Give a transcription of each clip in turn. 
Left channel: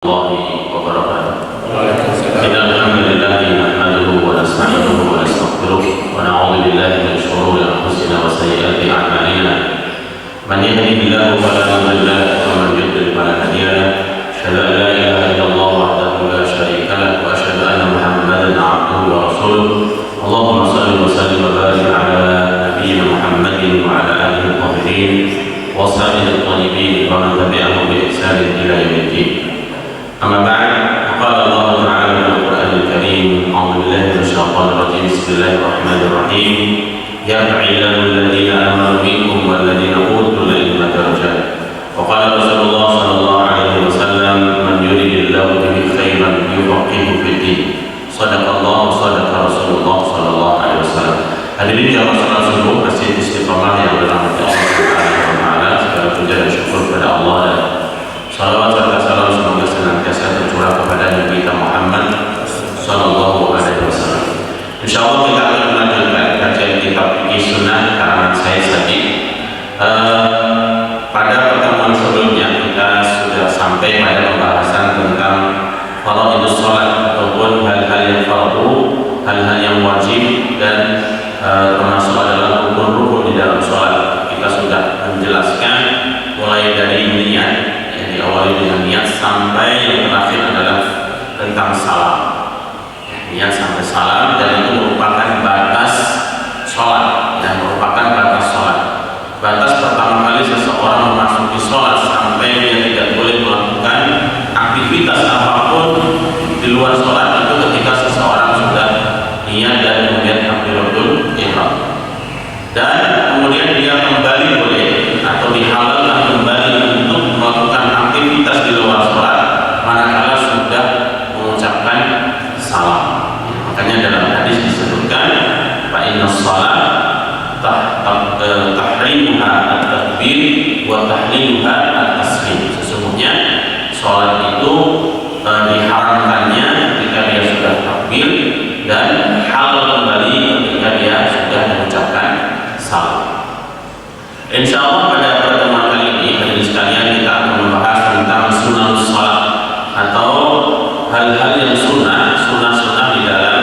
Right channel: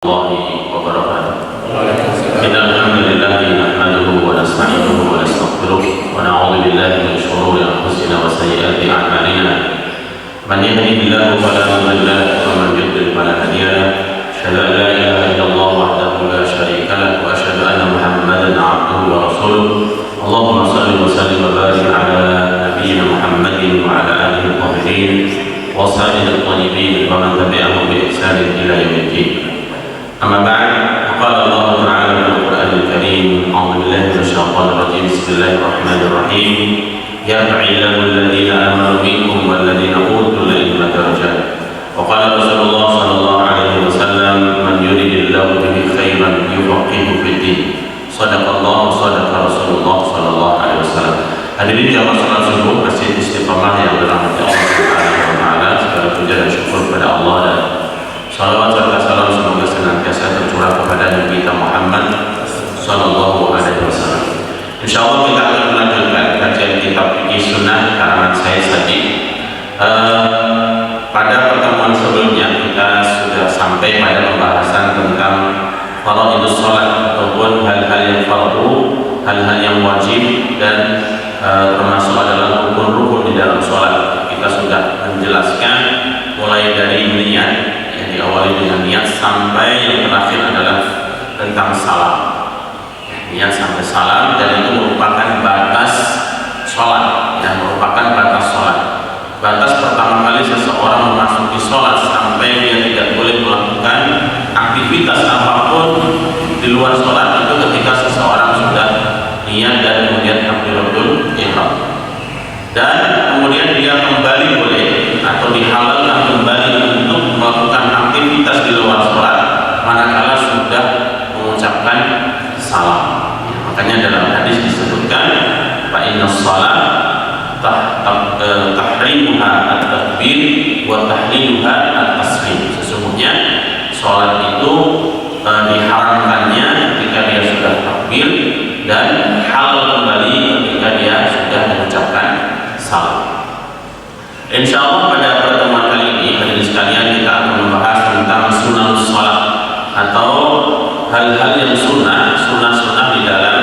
الله وبركاته. إن الحمد لله نحمده ونستعينه ونستغفره ونعوذ بالله من شرور أنفسنا وسيئات أعمالنا. من يهده الله فلا مضل له ومن يضلل فلا هادي له. أشهد أن لا إله إلا الله وحده لا شريك له وأشهد أن محمدا عبده ورسوله. اللهم صل وسلم وبارك على نبينا محمد وعلى آله الطاهرين وأصحابه الطيبين ومن تبعهم بإحسان إلى يوم الدين. أما بعد، قال الله تعالى في القرآن الكريم: أعوذ بالله من الشيطان الرجيم. بسم الله الرحمن الرحيم. يرفع الله الذين آمنوا منكم والذين أوتوا العلم درجات. وقال رسول الله صلى الله عليه وسلم: من يرد الله به خيرا يفقهه في الدين. صدق الله صدق رسول الله صلى الله عليه وسلم. Hadirin jamaah salat subuh Masjid Istiqamah yang dirahmati Allah Subhanahu wa taala, segala puja dan syukur kepada Allah dan salawat serta salam semoga senantiasa tercurah kepada Nabi kita Muhammad sallallahu alaihi wasallam. Insyaallah kita akan melanjutkan kajian kitab Fiqh Sunnah karangan saya Sadiq. Pada pertemuan sebelumnya kita sudah sampai pada pembahasan tentang faraidus shalat ataupun hal-hal yang fardu, hal-hal yang wajib dan termasuk adalah rukun-rukun di dalam sholat. Kita sudah menjelaskan mulai dari niat yang diawali dengan niat sampai yang terakhir adalah tentang salam. Niat sampai salam, dan itu merupakan batas sholat, yang merupakan batas sholat. Batas pertama kali seseorang memasuki sholat sampai dia tidak boleh melakukan aktivitas apapun di luar sholat itu ketika seseorang sudah niat dan kemudian takbiratul ihram, dan kemudian dia kembali boleh atau dihalalkan kembali untuk melakukan aktivitas di luar sholat manakala sudah mengucapkan salam. Makanya dalam hadis disebutkan fa inna shalat tahrimuha at-takbir wa tahliluha at-taslim. Sesungguhnya sholat itu diharamkannya ketika dia sudah takbir dan halal kembali ketika dia sudah mengucapkan salam. Insyaallah pada pertemuan kali ini hadirin sekalian kita akan membahas tentang sunnatus shalat atau hal-hal yang sunnah di dalam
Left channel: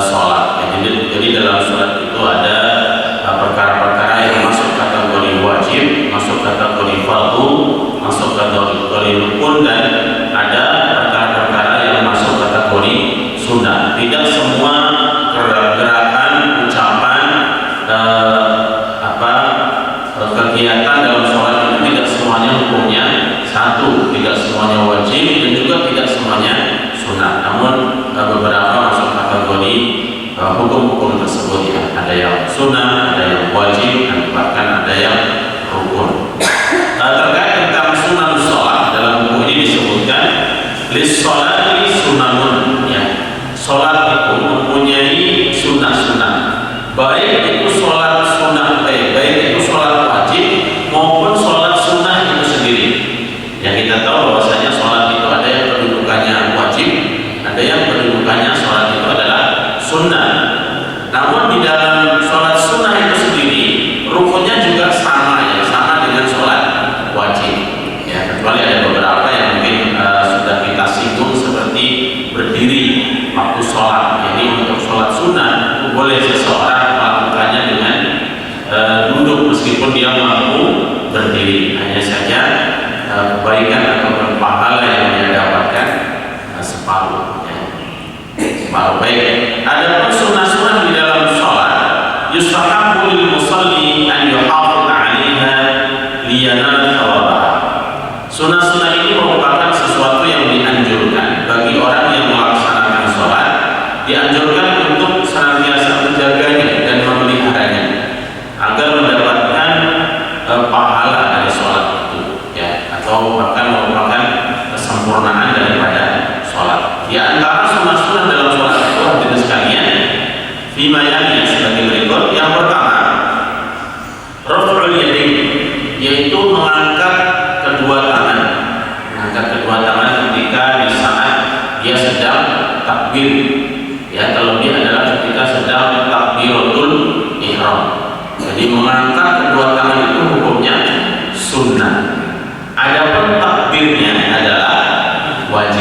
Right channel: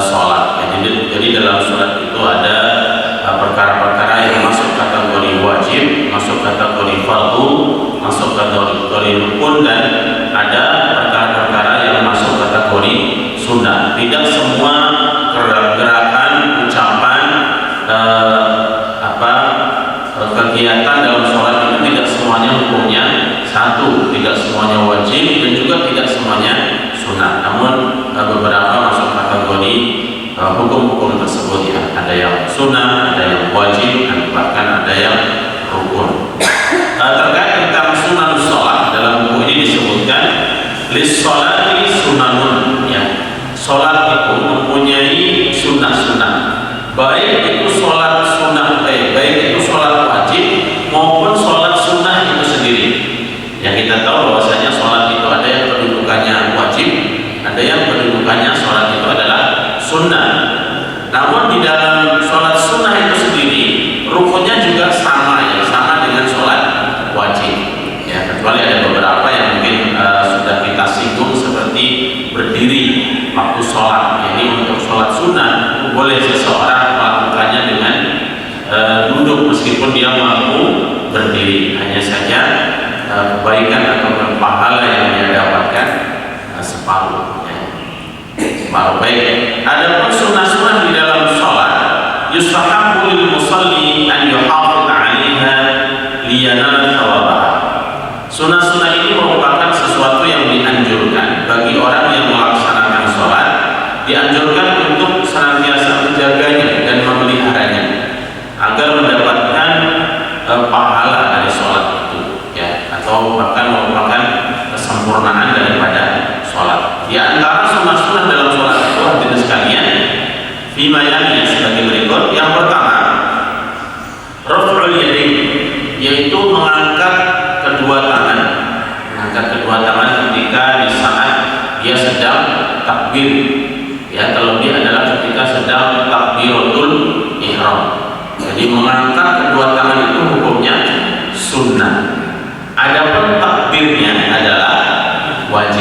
sholat. Jadi dalam sholat itu ada perkara-perkara yang masuk kategori wajib, masuk kategori fardu, masuk kategori rukun, dan ada perkara-perkara yang masuk kategori sunnah. Tidak semua gerakan, ucapan, kegiatan dalam sholat itu tidak semuanya hukumnya satu, tidak semuanya wajib, dan juga tidak semuanya sunnah. Namun beberapa masuk kategori hukum-hukum tersebut ya. Ada yang sunnah, ada yang wajib, dan bahkan ada yang rukun. Terkait tentang sunnah sholat, dalam buku ini disebutkan lis-sholati sunanun ya. Sholat itu mempunyai sunnah-sunnah, baik itu sholat sunnah, baik itu sholat wajib maupun sholat sunnah itu sendiri. Yang kita tahu bahwasanya sholat itu ada yang kedudukannya wajib, ada yang kedudukannya sholat itu adalah sunnah. Namun di dalam sholat sunnah itu sendiri rukunnya juga sama ya, sama dengan sholat wajib ya, kecuali ada beberapa yang mungkin sudah kita singgung seperti berdiri waktu sholat. Jadi untuk sholat sunnah boleh seseorang melakukannya dengan duduk meskipun dia mampu berdiri. Hanya saja kebaikan atau pahala yang dia dapatkan separuh ya. Separuh baik. Adapun sunnah-sunnah di dalam sholat, yustahabbu lil musalli an yuhafidh 'alaiha liyanala thawabaha. Sunnah-sunnah ini merupakan sesuatu yang dianjurkan bagi orang yang melaksanakan sholat, dianjurkan untuk senantiasa menjaganya dan memeliharanya agar mendapatkan pahala dari sholat itu ya, atau bahkan merupakan kesempurnaan daripada sholat. Di antara sunnah-sunnah dalam sholat itu hadirin sekalian, fimayani sebagai berikut. Yang pertama, raf'ul yadain, yaitu mengangkat kedua tangan. Mengangkat kedua tangan ketika di saat dia sedang takbir ya, terlebih adalah ketika sedang takbiratul ihram. Jadi mengangkat kedua tangan itu hukumnya sunnah. Adapun takbirnya adalah wajib.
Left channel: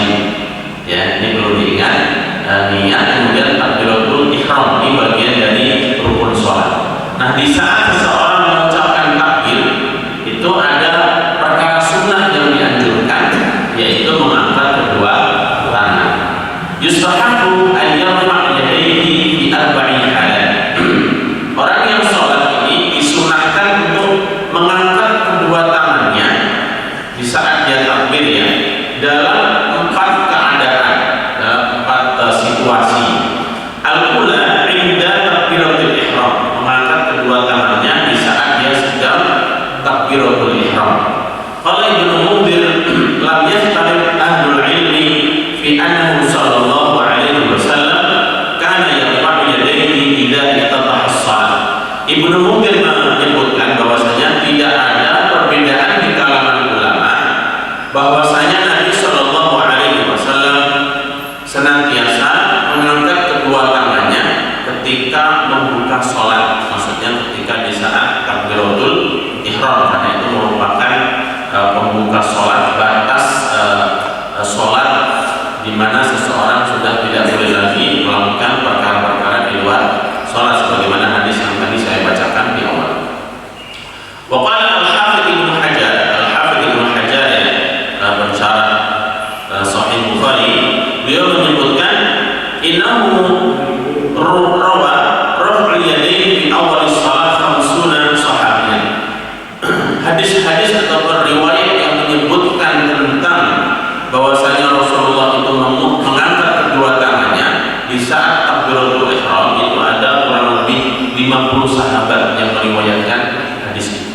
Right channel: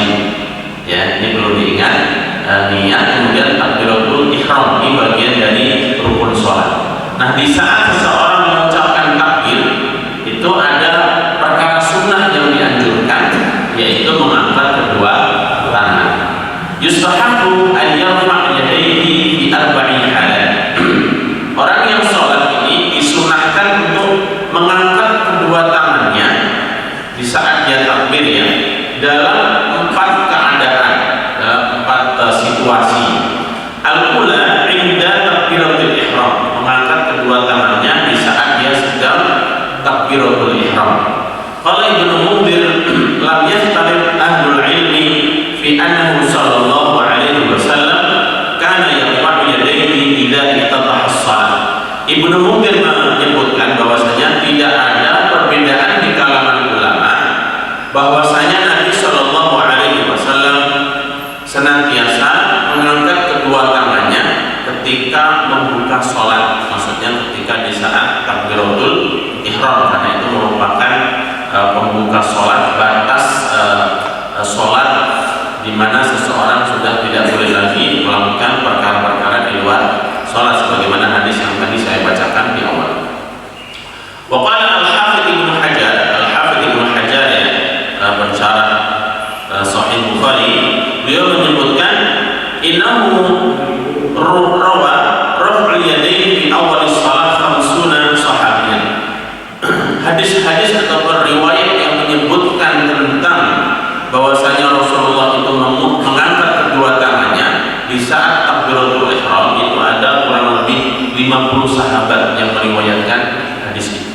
niat, kemudian takbiratul ihram, ini bagian dari rukun sholat. Nah, di saat seseorang mengucapkan takbir itu ada perkara sunnah yang dianjurkan, yaitu mengangkat kedua tangan. Yustahabbu an yarfa' yadayhi fi arba'i halat. Orang yang sholat ini disunahkan untuk mengangkat kedua tangannya di saat dia takbir, ya, dalam 4 keadaan, dalam 4 situasi. Al-ula inda takbiratul ihram, mengangkat kedua tangannya di saat dia sedang takbiratul ihram. Qala Ibnu Mundhir lam yahtalif ahlul ilmi fi annahu sallallahu alaihi wasallam kana yarfa'u yadayhi idza iftataha as-shalah. Ibnu Mundhir menyebutkan bahwasanya tidak ada perbedaan di kalangan ulama bahwasanya Nabi sallallahu alaihi wasallam senantiasa mengangkat kedua tangannya ketika membuka sholat, maksudnya ketika di saat takbiratul ihram, karena itu merupakan pembuka sholat, batas sholat di mana seseorang sudah tidak boleh lagi melakukan perkara-perkara di luar sholat, sebagaimana hadis yang tadi saya bacakan di awal. Waqala al-Hafidz Ibnu Hajar, ya, pensyarah Sahih Bukhari, beliau menyebutkan innahu rawa raf'ul yadayn fi awal shalah 50 sahabiyan. Hadis-hadis atau riwayat yang menyebutkan tentang bahwasanya Rasulullah itu mengangkat kedua tangannya di saat takbiratul ihram itu ada kurang lebih 50 sahabat yang meriwayatkan hadis ini.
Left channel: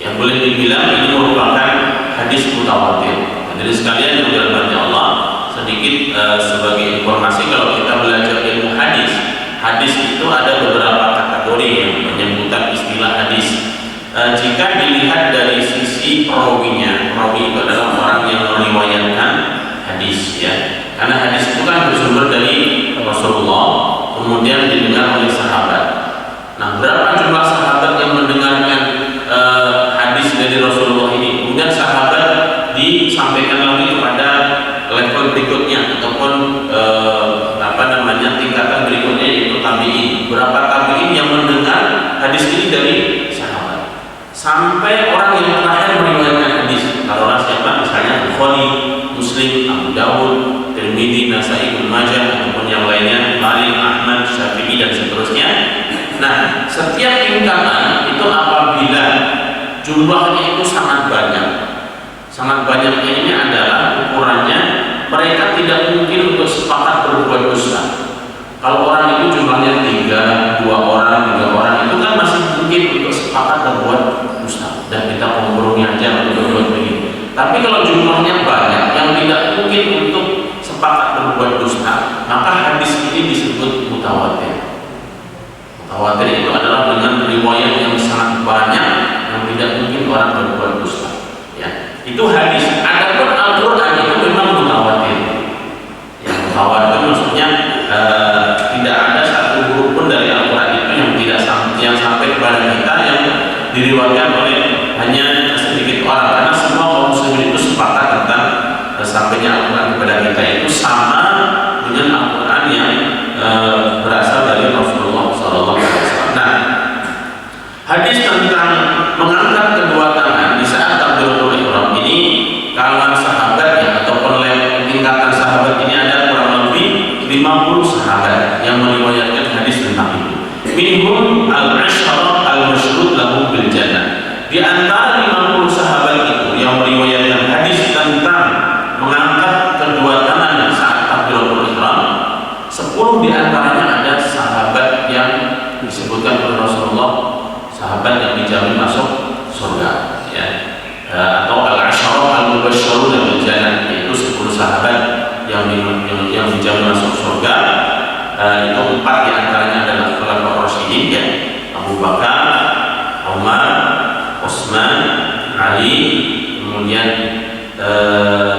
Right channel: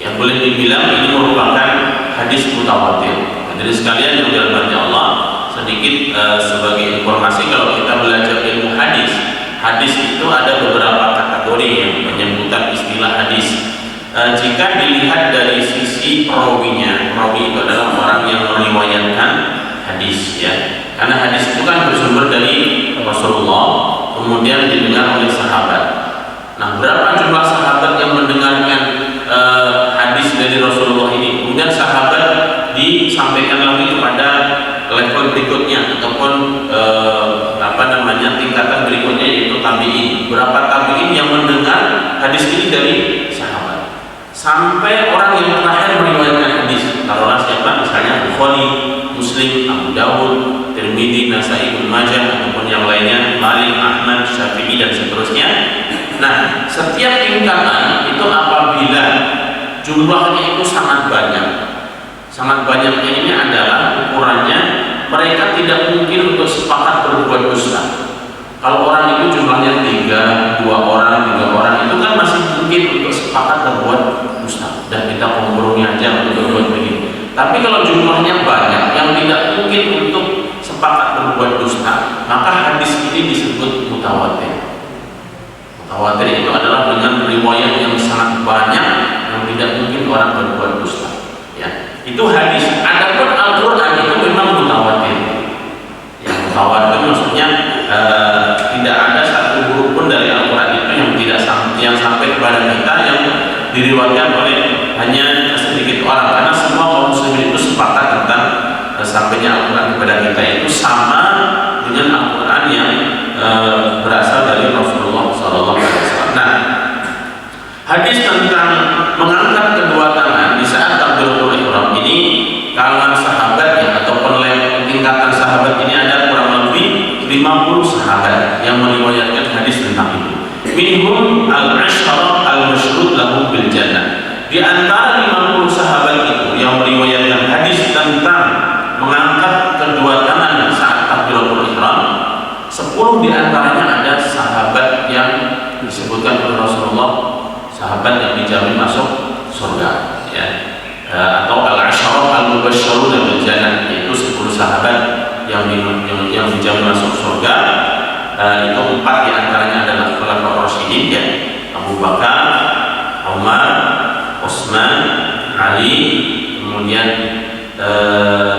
Yang boleh dibilang ini merupakan hadis mutawatir. Jadi sekalian yang dirahmati Allah, sedikit sebagai informasi, kalau kita belajar ilmu hadis, hadis itu ada beberapa kategori yang menyebutkan istilah hadis. Jika dilihat dari sisi perawinya, perawi itu adalah orang yang meriwayatkan hadis, ya. Karena hadis itu kan bersumber dari Rasulullah, kemudian didengar oleh sahabat. Nah, berapa jumlah sahabat yang mendengarkan hadis dari Rasulullah ini? Kemudian sahabat disampaikan lagi kepada level berikutnya ataupun tingkatan berikutnya, yaitu tabi'in. Berapa tabi'in yang mendengar hadis ini dari sahabat? Sampai orang yang terakhir meriwayatkan hadis, taruhlah siapa? Misalnya Bukhari, Muslim, Abu Dawud, Tirmidzi, Nasai, Ibnu Majah, ataupun yang lainnya, Malik, Ahmad, Syafi'i, dan seterusnya. Nah, setiap tingkatan itu apabila jumlahnya itu sangat banyak, sangat banyaknya ini adalah ukurannya mereka tidak mungkin untuk sepakat berbuat dusta. Kalau orang itu jumlahnya 2 orang, 3 orang, itu kan masih mungkin untuk sepakat berbuat dusta, dan kita kompromi aja untuk berbuat begitu. Tapi kalau jumlahnya banyak yang tidak mungkin untuk sepakat berbuat dusta, maka hadis ini disebut mutawatir. Mutawatir itu adalah dengan riwayat yang sangat banyak yang tidak mungkin orang berbuat dusta, ya. Itu hadis. Adapun Al-Qur'an itu memang mutawatir. Yang mutawatir maksudnya tidak ada satu huruf pun dari Al-Qur'an itu yang sampai kepada kita yang diriwayatkan oleh hanya sedikit orang, karena semua kaum muslimin itu sepakat tentang sampainya Al-Qur'an kepada kita itu sama dengan Al-Qur'an yang berasal dari Rasulullah SAW. Nah, hadis tentang mengangkat kedua tangan di saat takbiratul ihram ini, kalangan sahabat ataupun tingkatan sahabat ini ada kurang lebih 50 sahabat yang meriwayatkan hadis tentang itu. Minhum al-'asharah al-masyrud lahum bil jannah. Di antara 50 sahabat itu yang meriwayatkan hadis tentang mengangkat kedua tangan saat takbiratul ihram, 10 di antaranya ada sahabat yang disebutkan oleh Rasulullah, sahabat yang dijamin masuk surga, ya. Atau al-'asharah al-mubasysyirun bil jannah, yaitu 10 sahabat yang dijamin masuk surga. Itu 4 di antaranya adalah khulafaur rasyidin, ya, Abu Bakar, Umar, Utsman, Ali, kemudian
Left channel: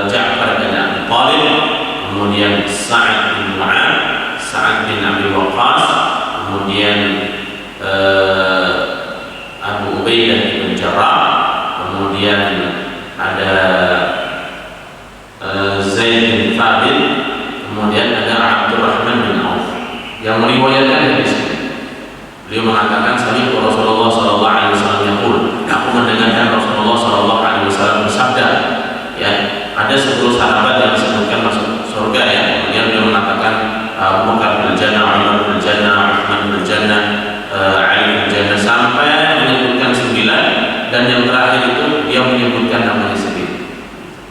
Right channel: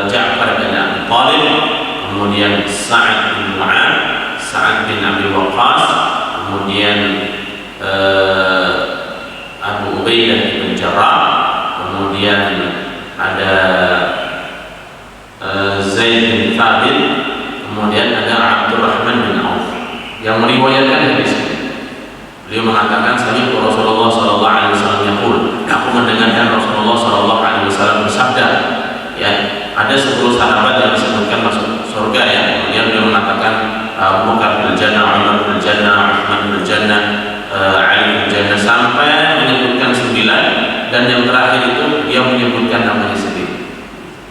Ja'far bin Abi Thalib, kemudian Sa'ad bin Mu'adz, Sa'ad bin Abi Waqqas, kemudian Abu Ubaidah bin Jarrah, kemudian ada Zaid bin Thabit, kemudian ada Abdurrahman bin Auf yang meriwayatkan hadis ini. Beliau mengatakan, sami Rasulullah sallallahu alaihi wasallam yaqul, aku mendengarkan Rasulullah sallallahu alaihi wasallam bersabda, ya, ada 10 sahabat yang disebutkan masuk surga, ya. Kemudian beliau mengatakan Abu Bakar bil Jannah, Umar bil Jannah, Utsman bil Jannah, Ali bil Jannah, sampai menyebutkan 9, dan yang terakhir itu dia menyebutkan namanya sendiri,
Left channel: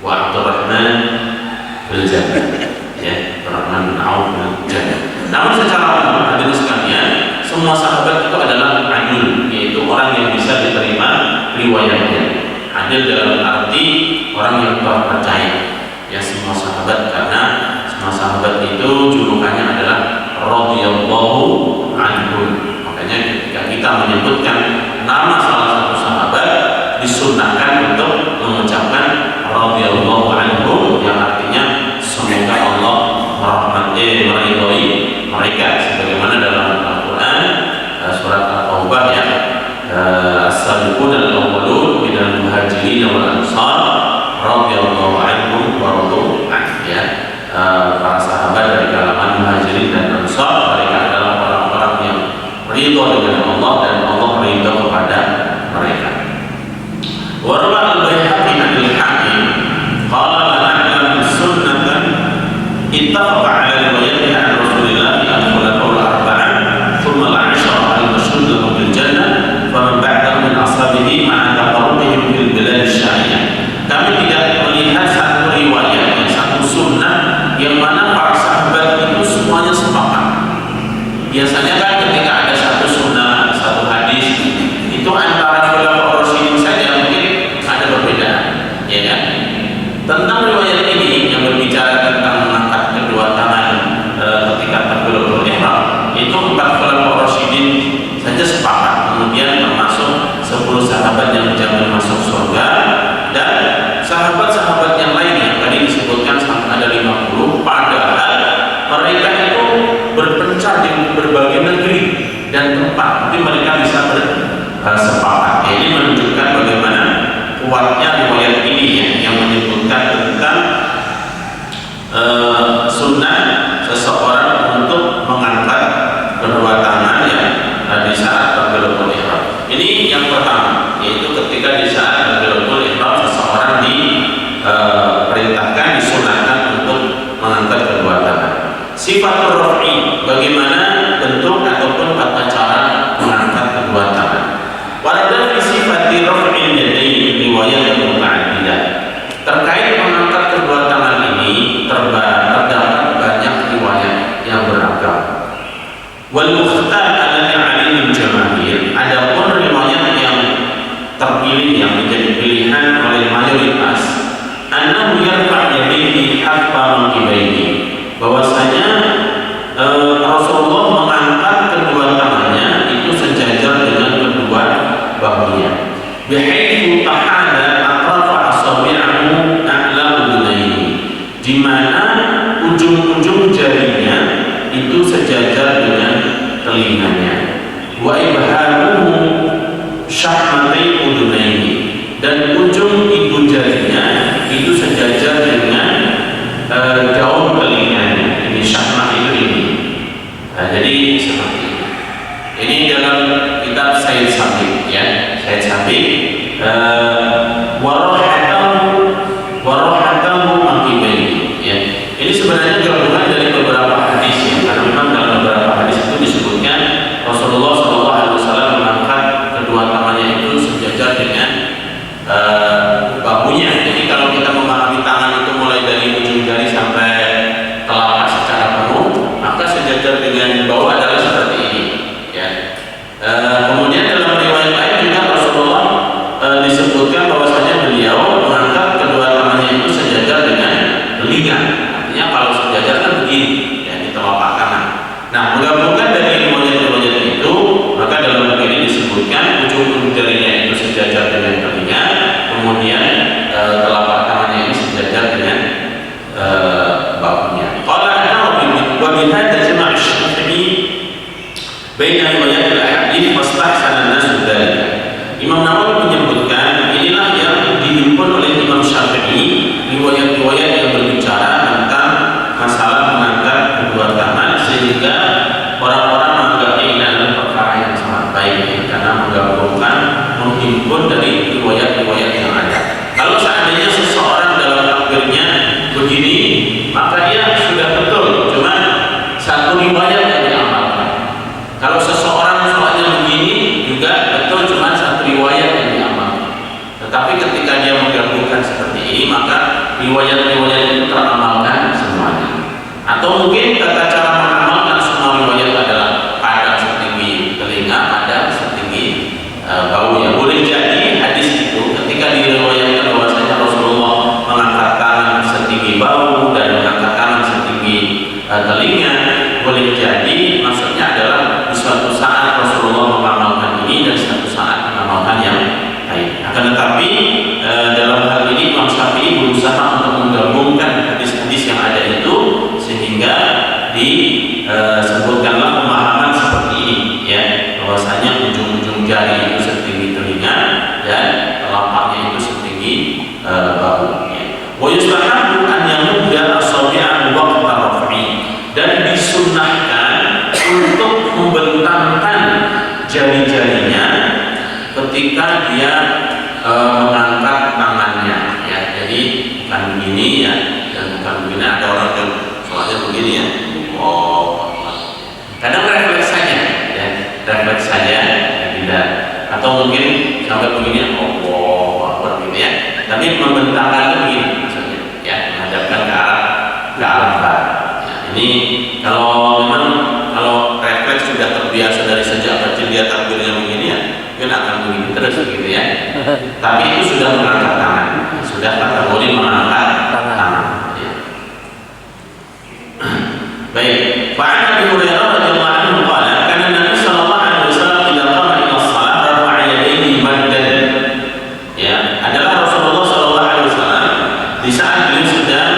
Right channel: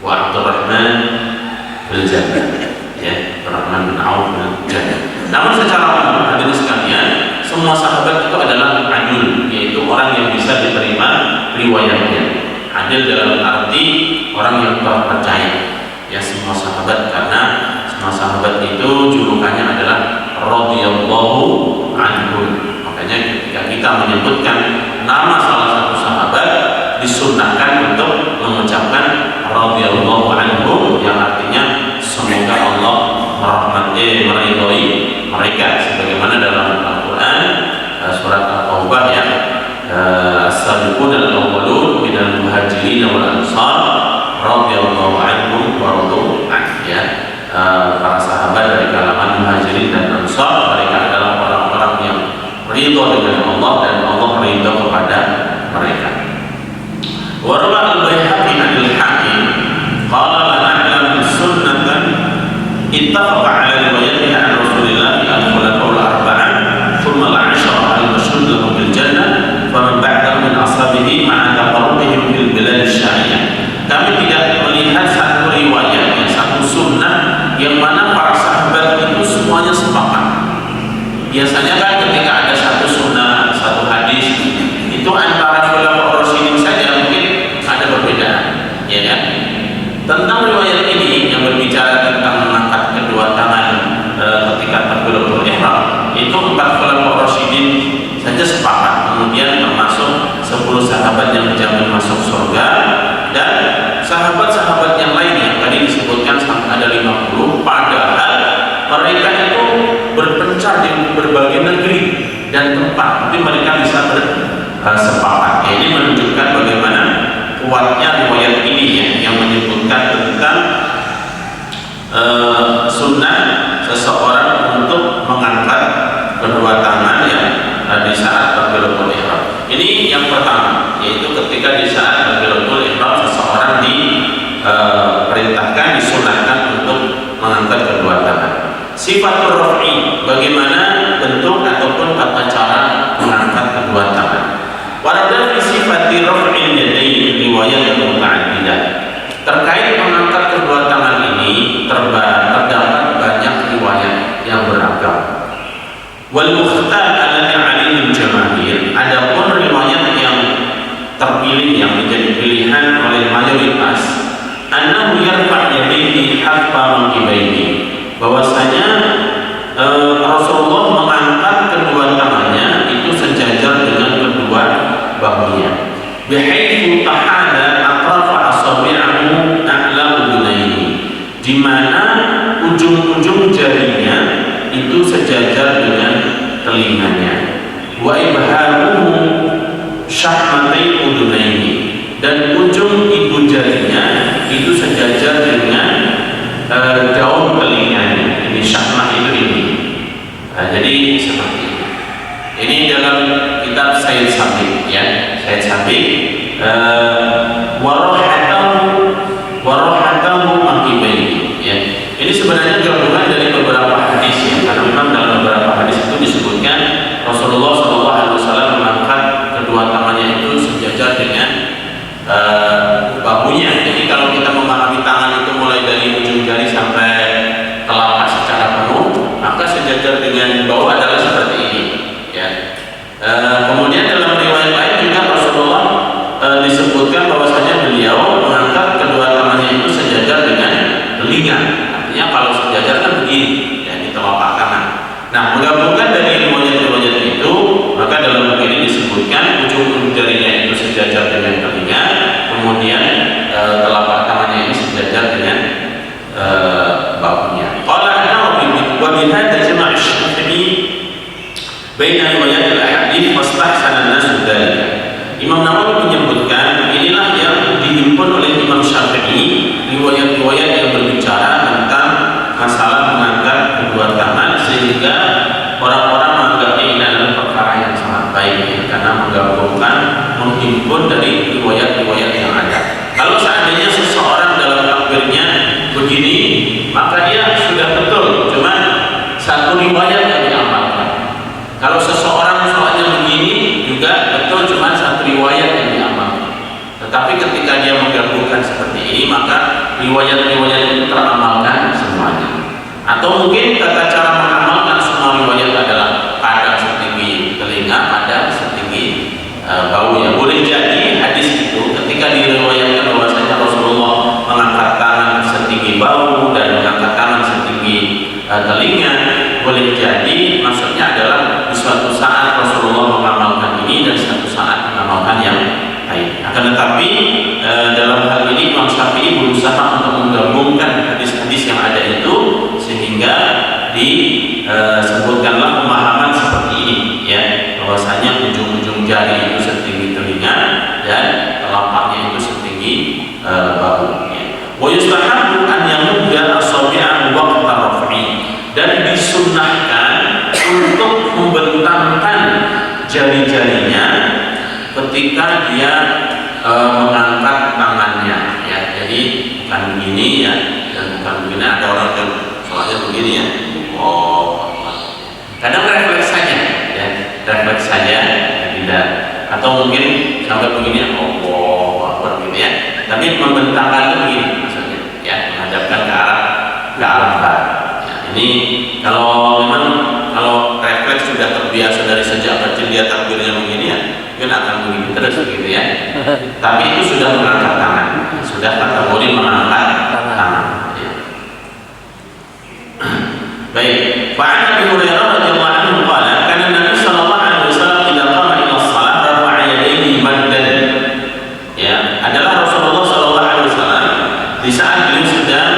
wa Abdurrahman bil Jannah, ya, Abdurrahman bin Auf bil Jannah. Namun secara umum hadirin sekalian, semua sahabat itu adalah adil, yaitu orang yang bisa diterima riwayatnya. Adil dalam arti orang yang terpercaya, ya, semua sahabat, karena semua sahabat itu julukannya adalah radhiyallahu anhum. Makanya ketika kita menyebutkan nama salah satu sahabat, disunnahkan untuk mengucapkan radhiyallahu anhum, yang artinya semoga Allah meridhoi mereka, sebagaimana dalam Al-Quran surat At-Taubah, ya, as-sabiqun al-awwalun minal muhajirin wal ansar radhiyallahu anhum wa radu an, ya, para sahabat dari kalangan muhajirin dan ansar, mereka adalah orang-orang yang ridho dengan Allah dan Allah ridho kepada mereka. Wa rawa al-Baihaqi al-Hakim qala la na'lam sunnatan ittafaqa 'ala riwayatiha an Rasulillah al-khulafaul arba'ah thumma al-'ashara al-mashhud lahum bil jannah faman ba'dahum min ashabihi ma'a taqarrubihim fil bilad asy-syari'ah. Kami tidak melihat satu riwayat, satu sunnah yang mana para sahabat itu semuanya sepakat. Biasanya kan ketika ada satu sunnah, satu hadis, itu antara khulafaur rasyidin saja mungkin ada perbedaan, ya kan? Tentang riwayat ini yang berbicara tentang mengangkat kedua tangan ketika takbiratul ihram, itu 4 khulafaur rasyidin saja sepakat. Kemudian termasuk 10 sahabat yang dijamin masuk surga, dan sahabat-sahabat yang lain yang tadi disebutkan sampai ada 50, padahal mereka itu berpencar di berbagai negeri dan tempat, tapi mereka bisa bersepakat. Ini menunjukkan bagaimana kuatnya riwayat ini, ya, yang menyebutkan tentang sunnah seseorang untuk mengangkat kedua tangan, ya, di saat takbiratul ihram. Ini yang pertama, yaitu ketika di saat takbiratul ihram seseorang diperintahkan, disunahkan untuk mengangkat kedua tangan. Sifatul raf'i, bagaimana bentuk ataupun tata cara mengangkat kedua tangan. Warada fi sifati raf'il yadayn riwayat yang muta'addidah. Terkait mengangkat kedua tangan ini terdapat banyak riwayat yang beragam. Wal mukhtar alladhi 'alaihi al-jamaahir, adapun riwayat yang terpilih, yang menjadi pilihan oleh mayoritas, annahu yarfa' yadayhi hatta mankibayhi, bahwasanya Rasulullah mengangkat kedua tangannya itu sejajar dengan kedua bahunya. Bihaitsu tahada atrafa asabi'ahu a'la udunayhi, di mana ujung-ujung jarinya itu sejajar dengan telinganya. Wa ibhamuhu syahmatai udunayhi, dan ujung ibu jarinya itu sejajar dengan daun telinganya. Ini syahmah itu ini. Jadi seperti ini. Ini dalam kitab Said Sabiq, ya, Said Sabiq, warahatahu mangkibaihi, ya. Ini sebenarnya gabungan dari beberapa hadis, ya, karena memang dalam beberapa hadis itu disebutkan Rasulullah SAW mengangkat kedua tangannya itu sejajar dengan bahunya. Jadi kalau kita memahami tangan itu mulai dari ujung jari sampai telapak secara penuh, maka sejajar dengan bahu adalah seperti ini, ya. Kemudian dalam riwayat lain juga Rasulullah disebutkan bahwasanya beliau mengangkat kedua tangannya itu sejajar dengan telinga. Artinya kalau sejajar kan begini, ya, di telapak kanan. Nah, menggabungkan dari riwayat-riwayat itu, maka dalam buku ini disebutkan ujung jarinya itu sejajar dengan telinga, kemudian telapak tangannya ini sejajar dengan bahunya. Qala an-Nawawi wa bihadza jama'a asy-Syafi'i baina riwayat al-hadits wastahsana an-nas dzalika. Imam Nawawi menyebutkan inilah yang dihimpun oleh Imam Syafi'i, riwayat-riwayat yang berbicara tentang masalah menurut dari riwayat-riwayat yang ada. Kalau seandainya seseorang dalam takbirnya begini, maka dia sudah betul, cuma satu riwayat yang diamalkan. Kalau seseorang sholatnya begini juga betul, cuma satu riwayat yang diamalkan. Tetapi ketika dia menggabungkan seperti ini, maka riwayat-riwayat itu teramalkan semuanya. Atau mungkin tata cara mengamalkan semua riwayat adalah padang setinggi telinga, padang setinggi bau. Ya boleh jadi hadis itu ketika diriwayatkan bahwasanya Rasulullah mengangkat tangan setinggi bau dan mengangkat tangan setinggi telinga, boleh jadi maksudnya adalah di suatu saat Rasulullah mengamalkan ini dan suatu saat mengamalkan yang lain. Akan tetapi dalam hal ini Imam Syafi'i berusaha untuk menggabungkan hadis-hadis yang ada itu sehingga disebutkanlah pemahaman seperti ini, ya, bahwasanya ujung-ujung jari itu setinggi telinga dan telapaknya itu setinggi bahu. Wa yustahabbu an yamudda asabi'ahu waqta raf'i, dan disunnahkan untuk membentangkan jari-jarinya ketika dia mengangkat tangannya, ya. Jadi bukan begini, ya, dan bukan begini. Ada orang yang soalnya begini, ya. Oh, kadang refleks saja, ya, refleks saja, ya, tidak. Atau mungkin sampai begini, oh, gitu, ya. Tapi membentangkan begini, maksudnya, ya, menghadapkan ke arah barat. Ya, ini kalau memang refleks sudah terbiasa dari sejak kecil dia takbirnya begini, ya, mungkin akan begini terus, gitu, ya. Tapi itu sudah mengangkat tangan, sudah kategori mengangkat tangan. Ya. Baik, Fa'an Abi Hurairah radhiyallahu anhu qala kana Nabi sallallahu alaihi wasallam idza qama ila shalah rafa'a yadayhi maddan. Ya, adalah Rasulullah sallallahu alaihi wasallam di saat beliau sedang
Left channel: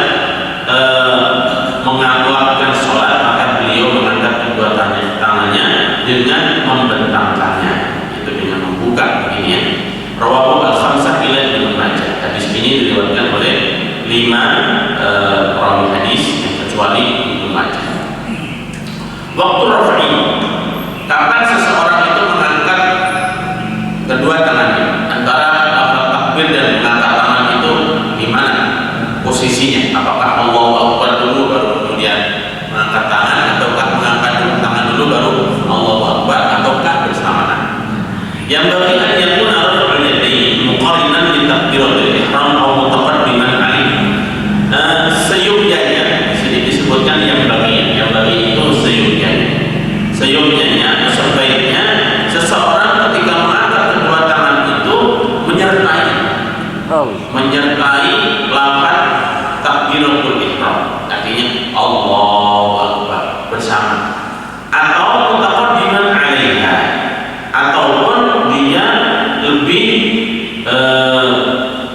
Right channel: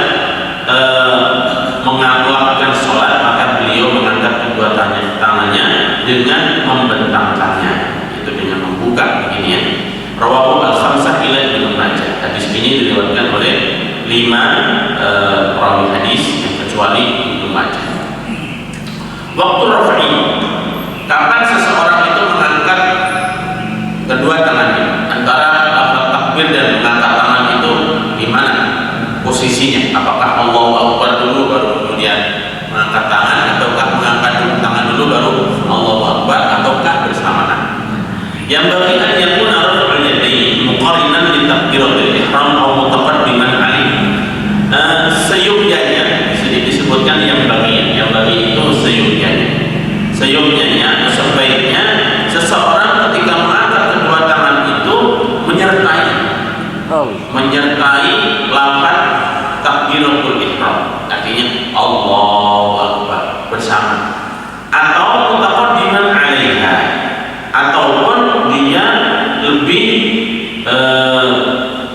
melakukan salat, maka beliau mengangkat kedua tangannya dengan membentangkannya, itu dengan membuka begini, ya. Rawahu al-khamsah ila Ibnu Majah. Hadis ini diriwayatkan oleh 5 perawi hadis kecuali Ibnu Majah. Waktu raf'i, kapan seseorang itu mengangkat kedua tangannya, antara lafaz takbir dan mengangkat tangan itu gimana posisinya? Apakah Allahu Akbar dulu baru kemudian mengangkat tangan, ataukah mengangkat tangan dulu baru Allahu Akbar, ataukah bersamaan? Yang bagi an yakuna raf'ul yadayn muqarinan li takbiratul ihram aw mutaqaddiman alaihi. Seyukyanya disebutkan yang bagi itu seyukyanya atau sebaiknya seseorang ketika mengangkat kedua tangan itu menyertai lafaz takbiratul ihram, artinya Allahu Akbar bersama, atau mutaqaddiman alaiha, ataupun dia lebih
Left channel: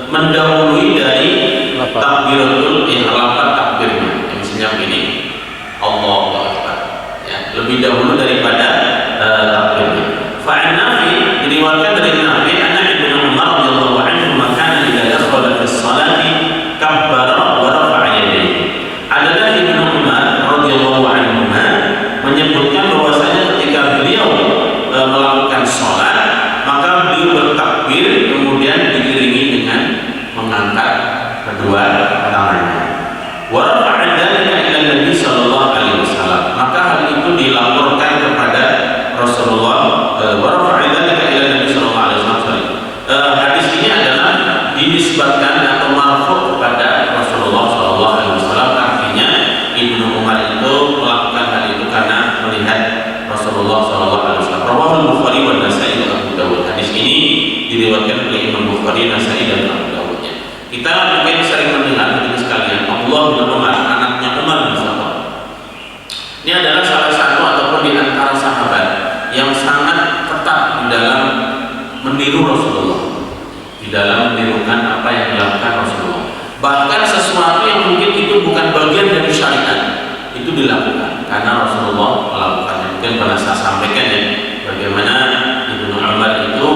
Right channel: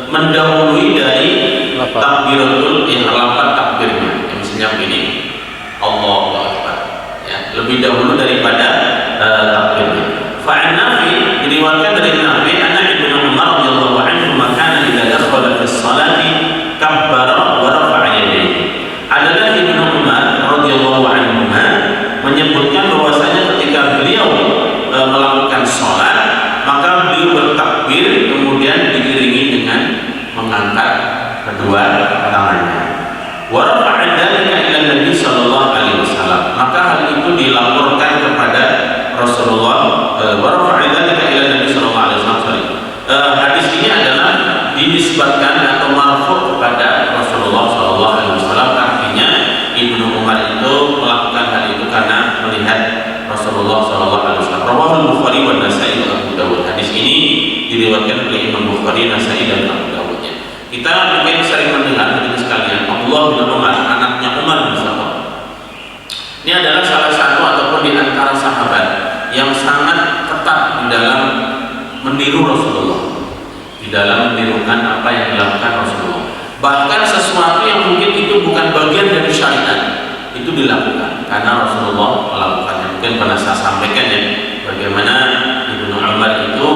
mendahului dari takbiratul ihram, takbirnya, misalnya begini Allahu Akbar, ya, lebih dahulu daripada takbirnya. Fa'an Nafi, diriwayatkan dari Nafi anna Ibnu Umar radhiyallahu anhu kana idza dakhala fi sholati kabbara wa rafa'a yadayhi. Adalah Ibnu Umar radhiyallahu anhu menyebutkan bahwasanya ketika beliau melakukan sholat, maka beliau bertakbir kemudian diiringi dengan mengangkat kedua tangannya. Wa rafa'a dzalika ila Nabi sallallahu alaihi wasallam, maka hal itu dilaporkan kepada Rasulullah. Wa rafa'a dzalika ila Nabi sallallahu alaihi wasallam. Hadis ini adalah dinisbatkan atau marfu' kepada Rasulullah sallallahu alaihi wasallam, artinya Ibnu Umar itu melakukan hal itu karena melihat Rasulullah sallallahu alaihi wasallam. Rawahul Bukhari wa Nasa'i wa Abu Dawud. Hadis ini diriwayatkan oleh Imam Bukhari, Nasa'i dan Abu Dawudnya. Kita mungkin sering mendengar hadis sekalian Abdullah bin Umar, anaknya Umar bin Khattab. Ini adalah salah satu ataupun di antara sahabat yang sangat ketat di dalam meniru Rasulullah, di dalam menirukan apa yang dilakukan Rasulullah. Bahkan sesuatu yang mungkin itu bukan bagian dari syariat itu dilakukan karena Rasulullah melakukannya. Mungkin pernah saya sampaikan, ya, bagaimana Ibnu Umar itu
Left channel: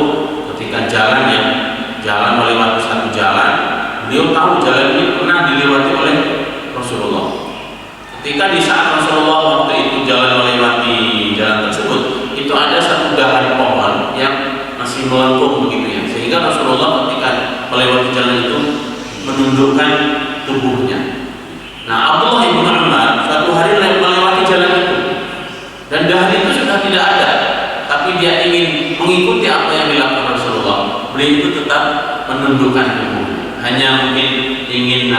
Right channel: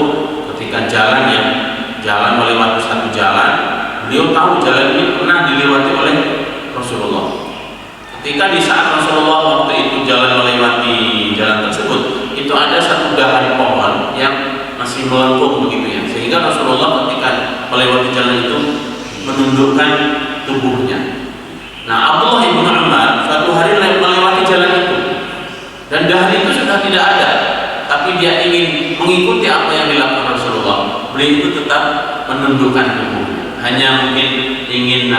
ketika jalan melewati satu jalan, beliau tahu jalan ini pernah dilewati oleh Rasulullah. Ketika di saat Rasulullah waktu itu jalan melewati jalan tersebut, itu ada satu dahan pohon yang masih melengkung begitu, ya, sehingga sehingga Rasulullah ketika melewati jalan itu menundukkan tubuhnya. Nah, Abdullah bin Umar suatu hari melewati jalan itu dan dahar itu sudah tidak ada, tapi dia ingin mengikuti apa yang dilakukan Rasulullah. Beliau itu tetap menundukkan tubuhnya, hanya mungkin ingin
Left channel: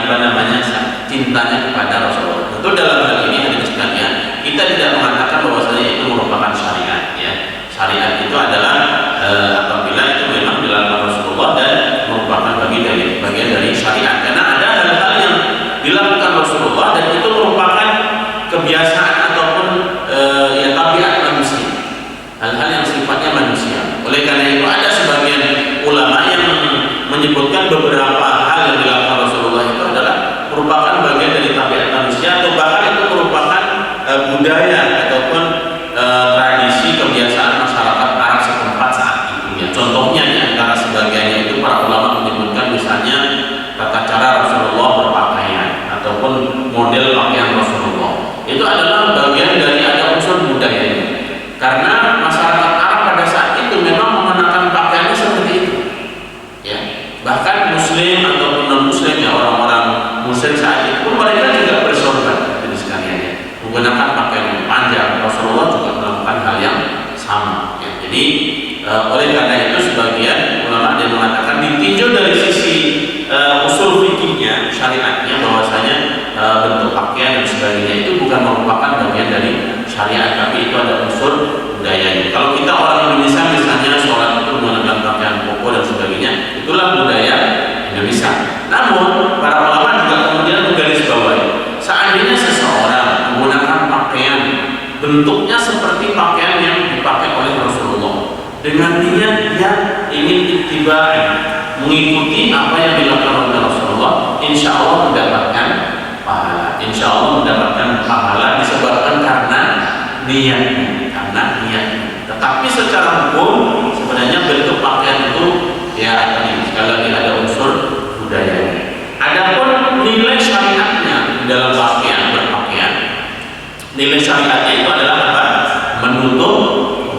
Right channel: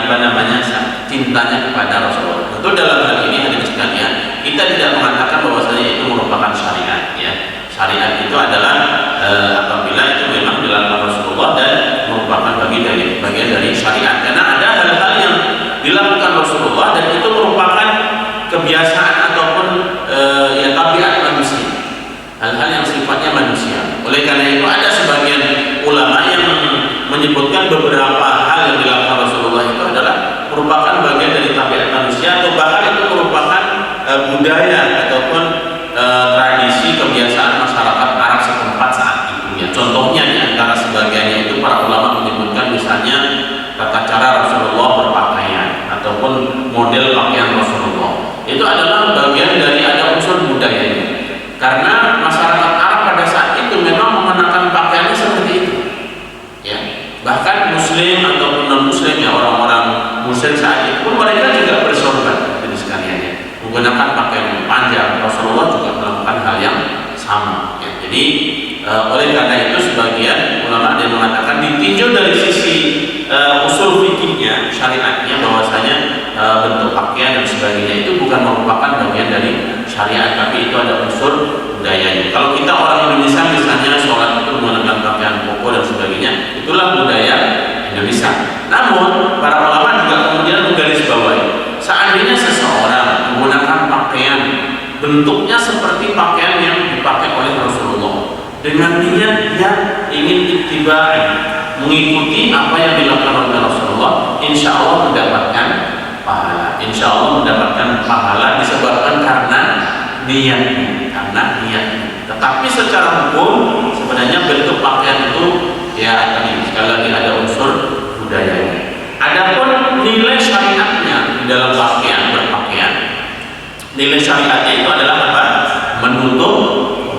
cintanya kepada Rasulullah. Tentu dalam hal ini hadirin sekalian, kita tidak mengatakan bahwasanya itu merupakan syariat, ya. Syariat itu adalah apabila itu memang dilakukan Rasulullah dan merupakan bagian dari syariat. Karena ada hal-hal yang dilakukan Rasulullah dan itu merupakan kebiasaan ataupun tabiat manusia, hal-hal yang sifatnya manusia. Oleh karena itu ada sebagian ulama yang menyebutkan beberapa hal yang dilakukan Rasulullah itu adalah merupakan bagian dari tabiat manusia, atau bahkan itu merupakan budaya ataupun tradisi kebiasaan masyarakat Arab setempat saat itu, ya. Contohnya di antara sebagiannya itu para ulama menyebutkan misalnya tata cara Rasulullah berpakaian ataupun model pakaian Rasulullah. Itu adalah bagian dari ada unsur budayanya. Karena masyarakat Arab pada saat itu memang mengenakan pakaiannya seperti itu, ya. Bahkan Muslim ataupun non Muslim, ya, orang-orang Muslim saat itu pun mereka juga bersorban, jadi sekalian, ya, menggunakan pakaian yang panjang. Rasulullah juga melakukan hal yang sama, ya. Jadi oleh karena itu sebagian ulama ada yang mengatakan ditinjau dari sisi usul fikihnya, syariatnya, bahwasanya bentuk pakaian dan sebagainya itu bukan merupakan bagian dari syariat, tapi itu ada unsur budayanya. Kalau kita orang Indonesia misalnya sholat itu menggunakan pakaian koko dan sebagainya, itulah budaya Indonesia. Namun para ulama juga kemudian menggarisbawahi, seandainya seseorang menggunakan pakaian bentuknya seperti pakaian yang dipakai oleh Rasulullah dengan niat yang ingin ittiba', mengikuti apa yang dilakukan oleh Rasulullah, insya Allah mendapatkan pahala. Insya Allah mendapatkan pahala disebabkan karena niatnya, Tetapi secara hukum sebenarnya bentuk pakaian itu, ya, tadi sekali lagi ada unsur budayanya. Adapun nilai syariatnya dalam berpakaian, nilai syariatnya itu adalah apa? Menutup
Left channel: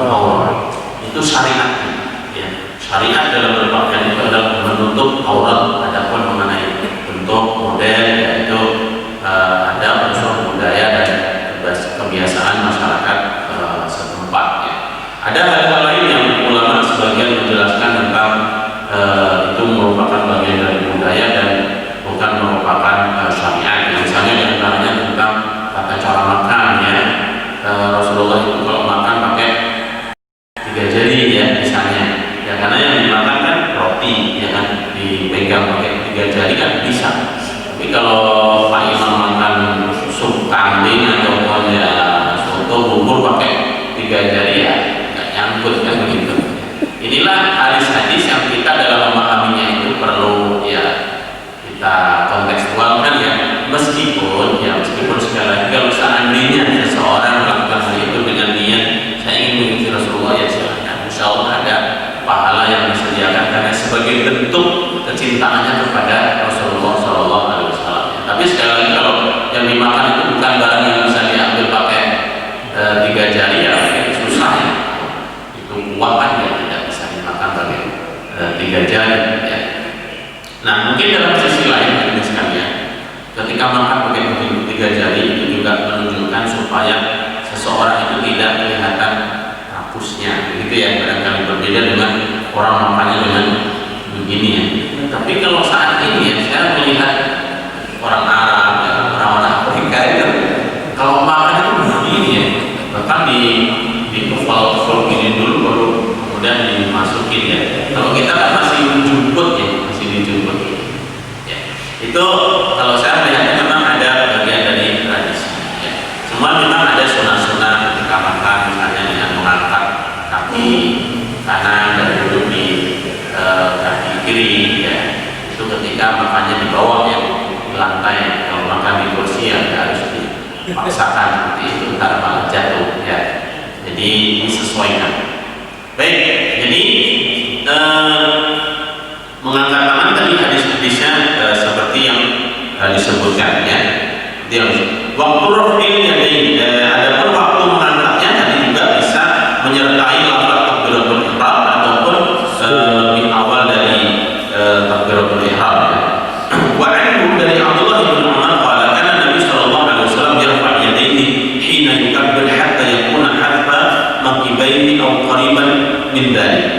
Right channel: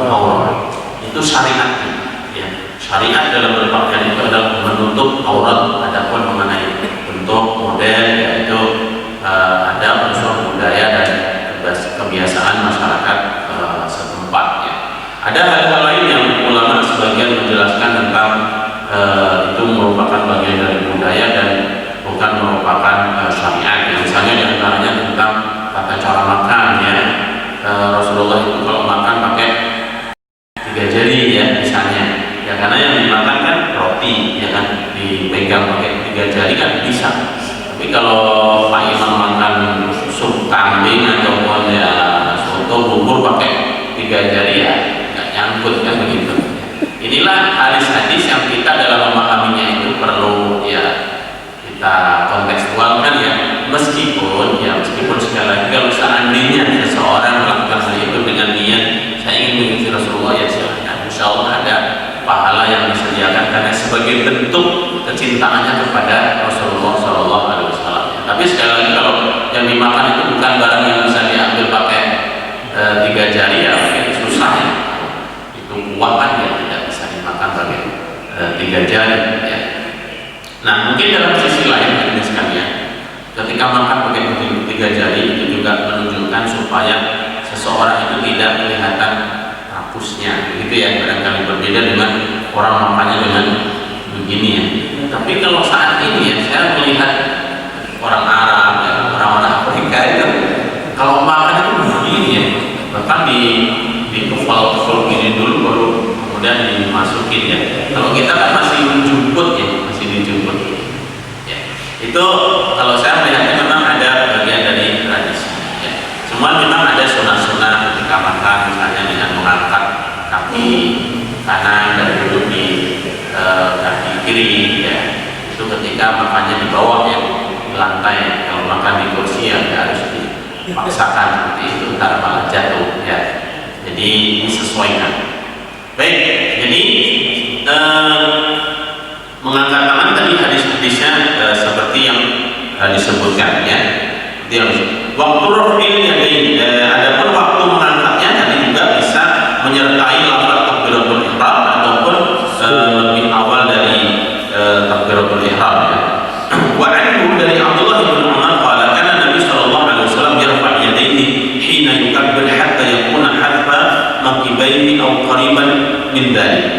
aurat. Itu syariatnya, ya. Syariat dalam berpakaian itu adalah menutup aurat. Adapun mengenai bentuk model, yaitu ada unsur budaya dan kebiasaan masyarakat setempat, ya. Ada hal-hal lain yang ulama sebagian menjelaskan tentang itu merupakan bagian dari budaya dan bukan merupakan syariat. Misalnya diantaranya tentang tata cara makan, ya. Rasulullah itu kalau makan pakai 3 jari, ya, misalnya, ya, karena yang dimakan kan roti, ya kan, dipegang pakai 3 jari kan bisa. Tapi kalau Pak Imam makan sup kambing ataupun, ya, soto bubur pakai 3 jari, ya nggak nyangkut, kan, begitu. Inilah hadis-hadis yang kita dalam memahaminya itu perlu, ya, kita kontekstualkan, ya. Meskipun sekali lagi kalau seandainya seseorang melakukan hal itu dengan niat saya ingin mengikuti Rasulullah, ya silahkan. Insya Allah ada pahala yang disediakan karena sebagai bentuk kecintaannya kepada Rasulullah SAW. Tapi sekali lagi kalau yang dimakan itu bukan barang yang bisa diambil pakai 3 jari, ya mungkin susah, ya. Itu kuah kan, ya, tidak bisa dimakan pakai 3 jari, ya. Nah, mungkin dalam sisi lain ini sekalian, ketika makan pakai 3 jari itu juga menunjukkan supaya seseorang itu tidak kelihatan rapusnya, begitu, ya. Barangkali berbeda dengan orang makannya dengan begini, ya. Tapi kalau saat ini, ya, saya melihat orang Arab, ya, orang-orang Afrika itu kalau makan itu begini, ya. Bahkan di kepal ini dulu baru kemudian dimasukin, ya. Kalau kita kan masih dijemput, ya, ya. Itu kalau saya melihatnya memang ada bagian dari tradisi, ya. Semua memang ada sunah-sunah ketika makan, misalnya dengan mengangkat kaki kanan dan duduk di kaki kiri, ya. Itu ketika makannya di bawah, ya, di lantai. Kalau makan di kursi, ya, harus dipaksakan seperti itu, ntar malah jatuh, ya. Jadi disesuaikan. Baik, jadi mengangkat tangan tadi hadis-hadisnya seperti yang disebutkan, ya. Waktu rafil yadain, adapun waktu mengangkatnya tadi juga bisa menyertai lafaz takbiratul ihram ataupun lebih awal dari hina yukabbir hatta yakuna hadfa makibaini aw qariban min dzalik.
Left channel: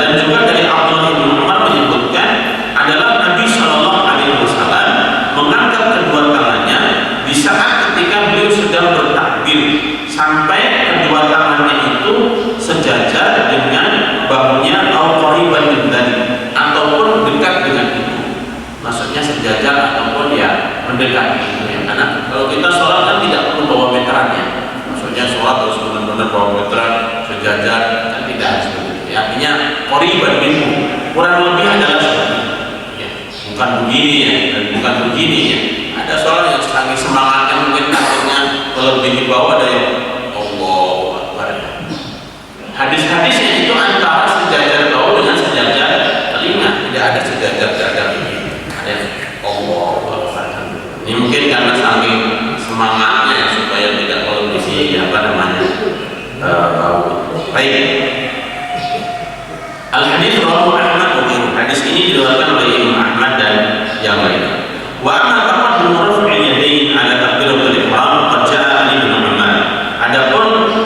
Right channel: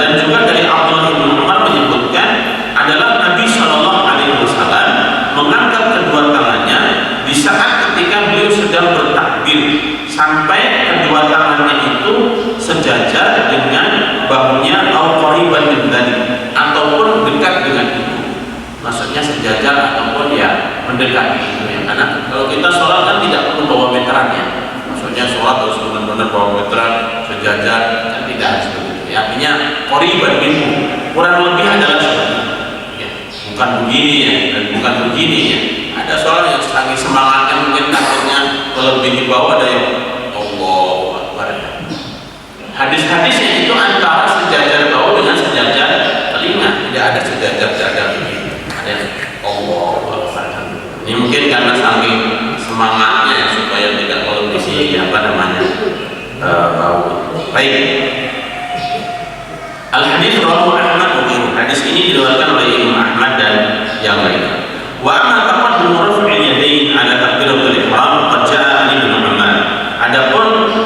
Dan juga dari Abdullah bin Umar menyebutkan adalah Nabi Shallallahu Alaihi Wasallam mengangkat kedua tangannya di saat ketika beliau sedang bertakbir sampai kedua tangannya itu sejajar dengan bahunya atau qariban min dzalik, ataupun dekat dengan itu. Maksudnya sejajar ataupun ya mendekati itu ya. Karena kalau kita sholat kan tidak perlu bawa meterannya. Maksudnya sholat harus benar-benar bawa meteran sejajar, kan tidak harus begitu. Ya, artinya qariban minhu, kurang lebih adalah seperti itu. Ya, bukan begini ya dan bukan begini ya. Ada sholat yang saking semangatnya mungkin takutnya lebih di bawah ada yang Allahu Akbar. Hadis-hadisnya itu antara sejajar bawah dengan sejajar telinga, tidak ada sejajar dada ini. Ada Allahu Akbar. Ini mungkin karena saking semangatnya supaya tidak kondisi bau. Baik. Al-hadits rawahu Ahmad wa ghairuhu. Hadis ini diriwayatkan oleh Imam Ahmad dan yang lainnya. Wa amma taqaddum raf'il yadayn ala takbiratul ihram qad jaa'a an Ibnu Umar. Adapun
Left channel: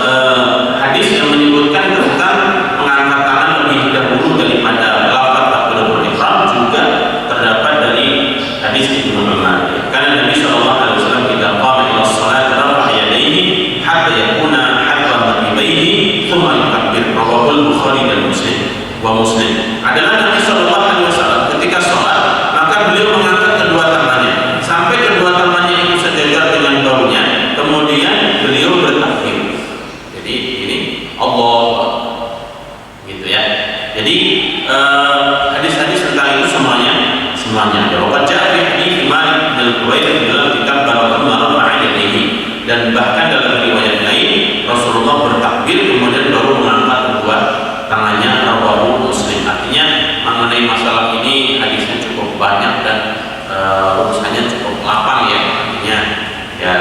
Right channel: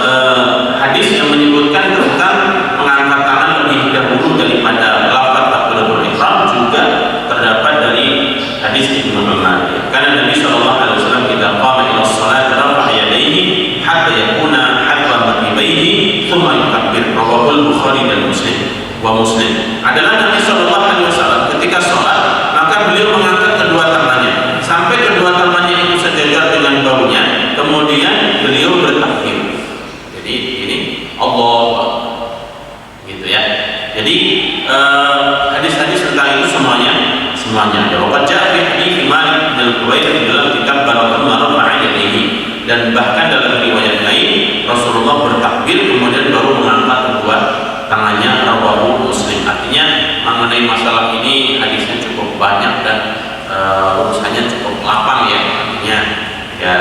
hadis yang menyebutkan tentang mengangkat tangan lebih dahulu daripada lafaz takbiratul ihram juga terdapat dari hadis Ibnu Umar. Karena Nabi sallallahu alaihi wasallam ketika qama ila shalat rafa'a yadayhi hatta yakuna hadwa mankibayhi thumma yukabbir. Rawahu Al-Bukhari dan Muslim adalah Nabi Shallallahu Alaihi Wasallam ketika sholat maka beliau mengangkat kedua tangannya sampai kedua tangannya itu sejajar dengan bahunya, kemudian beliau bertakbir. Jadi ini Allah gitu ya. Jadi hadis-hadis tentang itu semuanya ada. Wajah hadis Malik dan Bukhari dalam kitab Baratul Marfa'a yadayhi, dan bahkan dalam riwayat lain Rasulullah bertakbir kemudian baru mengangkat kedua tangannya. Rawahu Muslim. Artinya mengenai masalah ini hadisnya cukup banyak dan urusannya cukup lapang ya. Artinya ya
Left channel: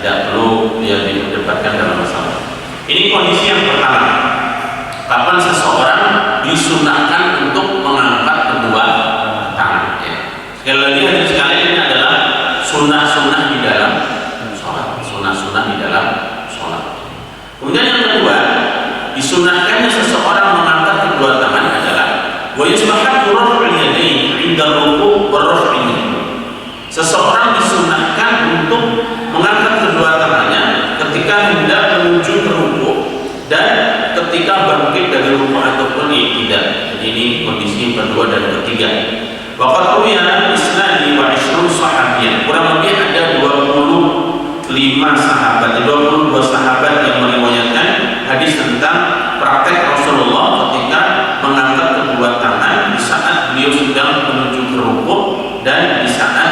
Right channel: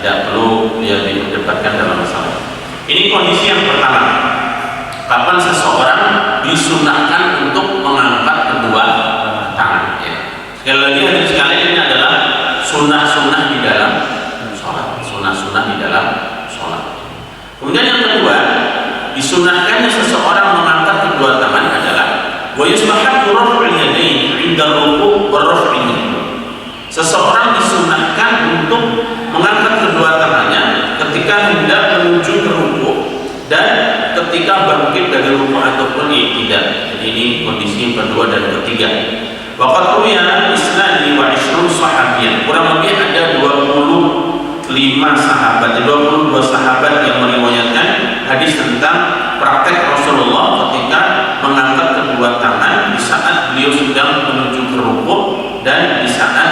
tidak perlu dia diperdebatkan dalam masalah ini. Kondisi yang pertama, kapan seseorang disunahkan untuk mengangkat kedua tangan ya. Sekali lagi hadis sekali ini adalah sunnah-sunnah di dalam sholat, sunnah-sunnah di dalam sholat. Kemudian yang kedua, disunahkannya seseorang mengangkat kedua tangan adalah wa yustahabbu raf'ul yadayn 'inda ruku' wa raf'i minhu. Seseorang disunahkan untuk mengangkat kedua tangannya ketika hendak menuju ke ruku' dan ketika bangkit dari ruku' ataupun tidak. Jadi ini kondisi yang kedua dan ketiga. Waqad ruwiya isnani wa 20 sahabiyan. Kurang lebih ada 22 sahabat yang meriwayatkan hadis tentang praktek Rasulullah ketika mengangkat kedua tangan di saat beliau sedang menuju ke rukuk dan di saat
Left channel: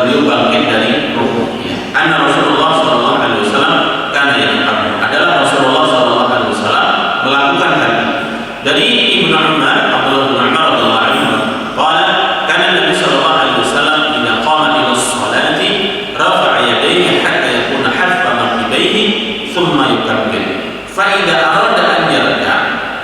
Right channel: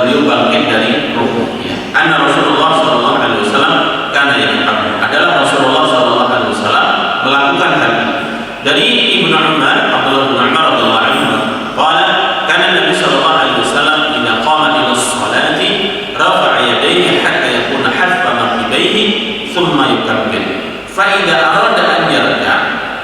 beliau bangkit dari rukuk. Ya. Anna Rasulullah sallallahu alaihi wasallam kana yaqum. Adalah Rasulullah sallallahu alaihi wasallam melakukan hal ini. Dari Ibnu Umar, Abdullah bin Umar radhiyallahu anhu, qala kana Nabi sallallahu alaihi wasallam idza qama ila sholati rafa'a yadayhi hatta yakuna hadfa mankibayhi thumma yukabbir. Fa'idha arada an yarka,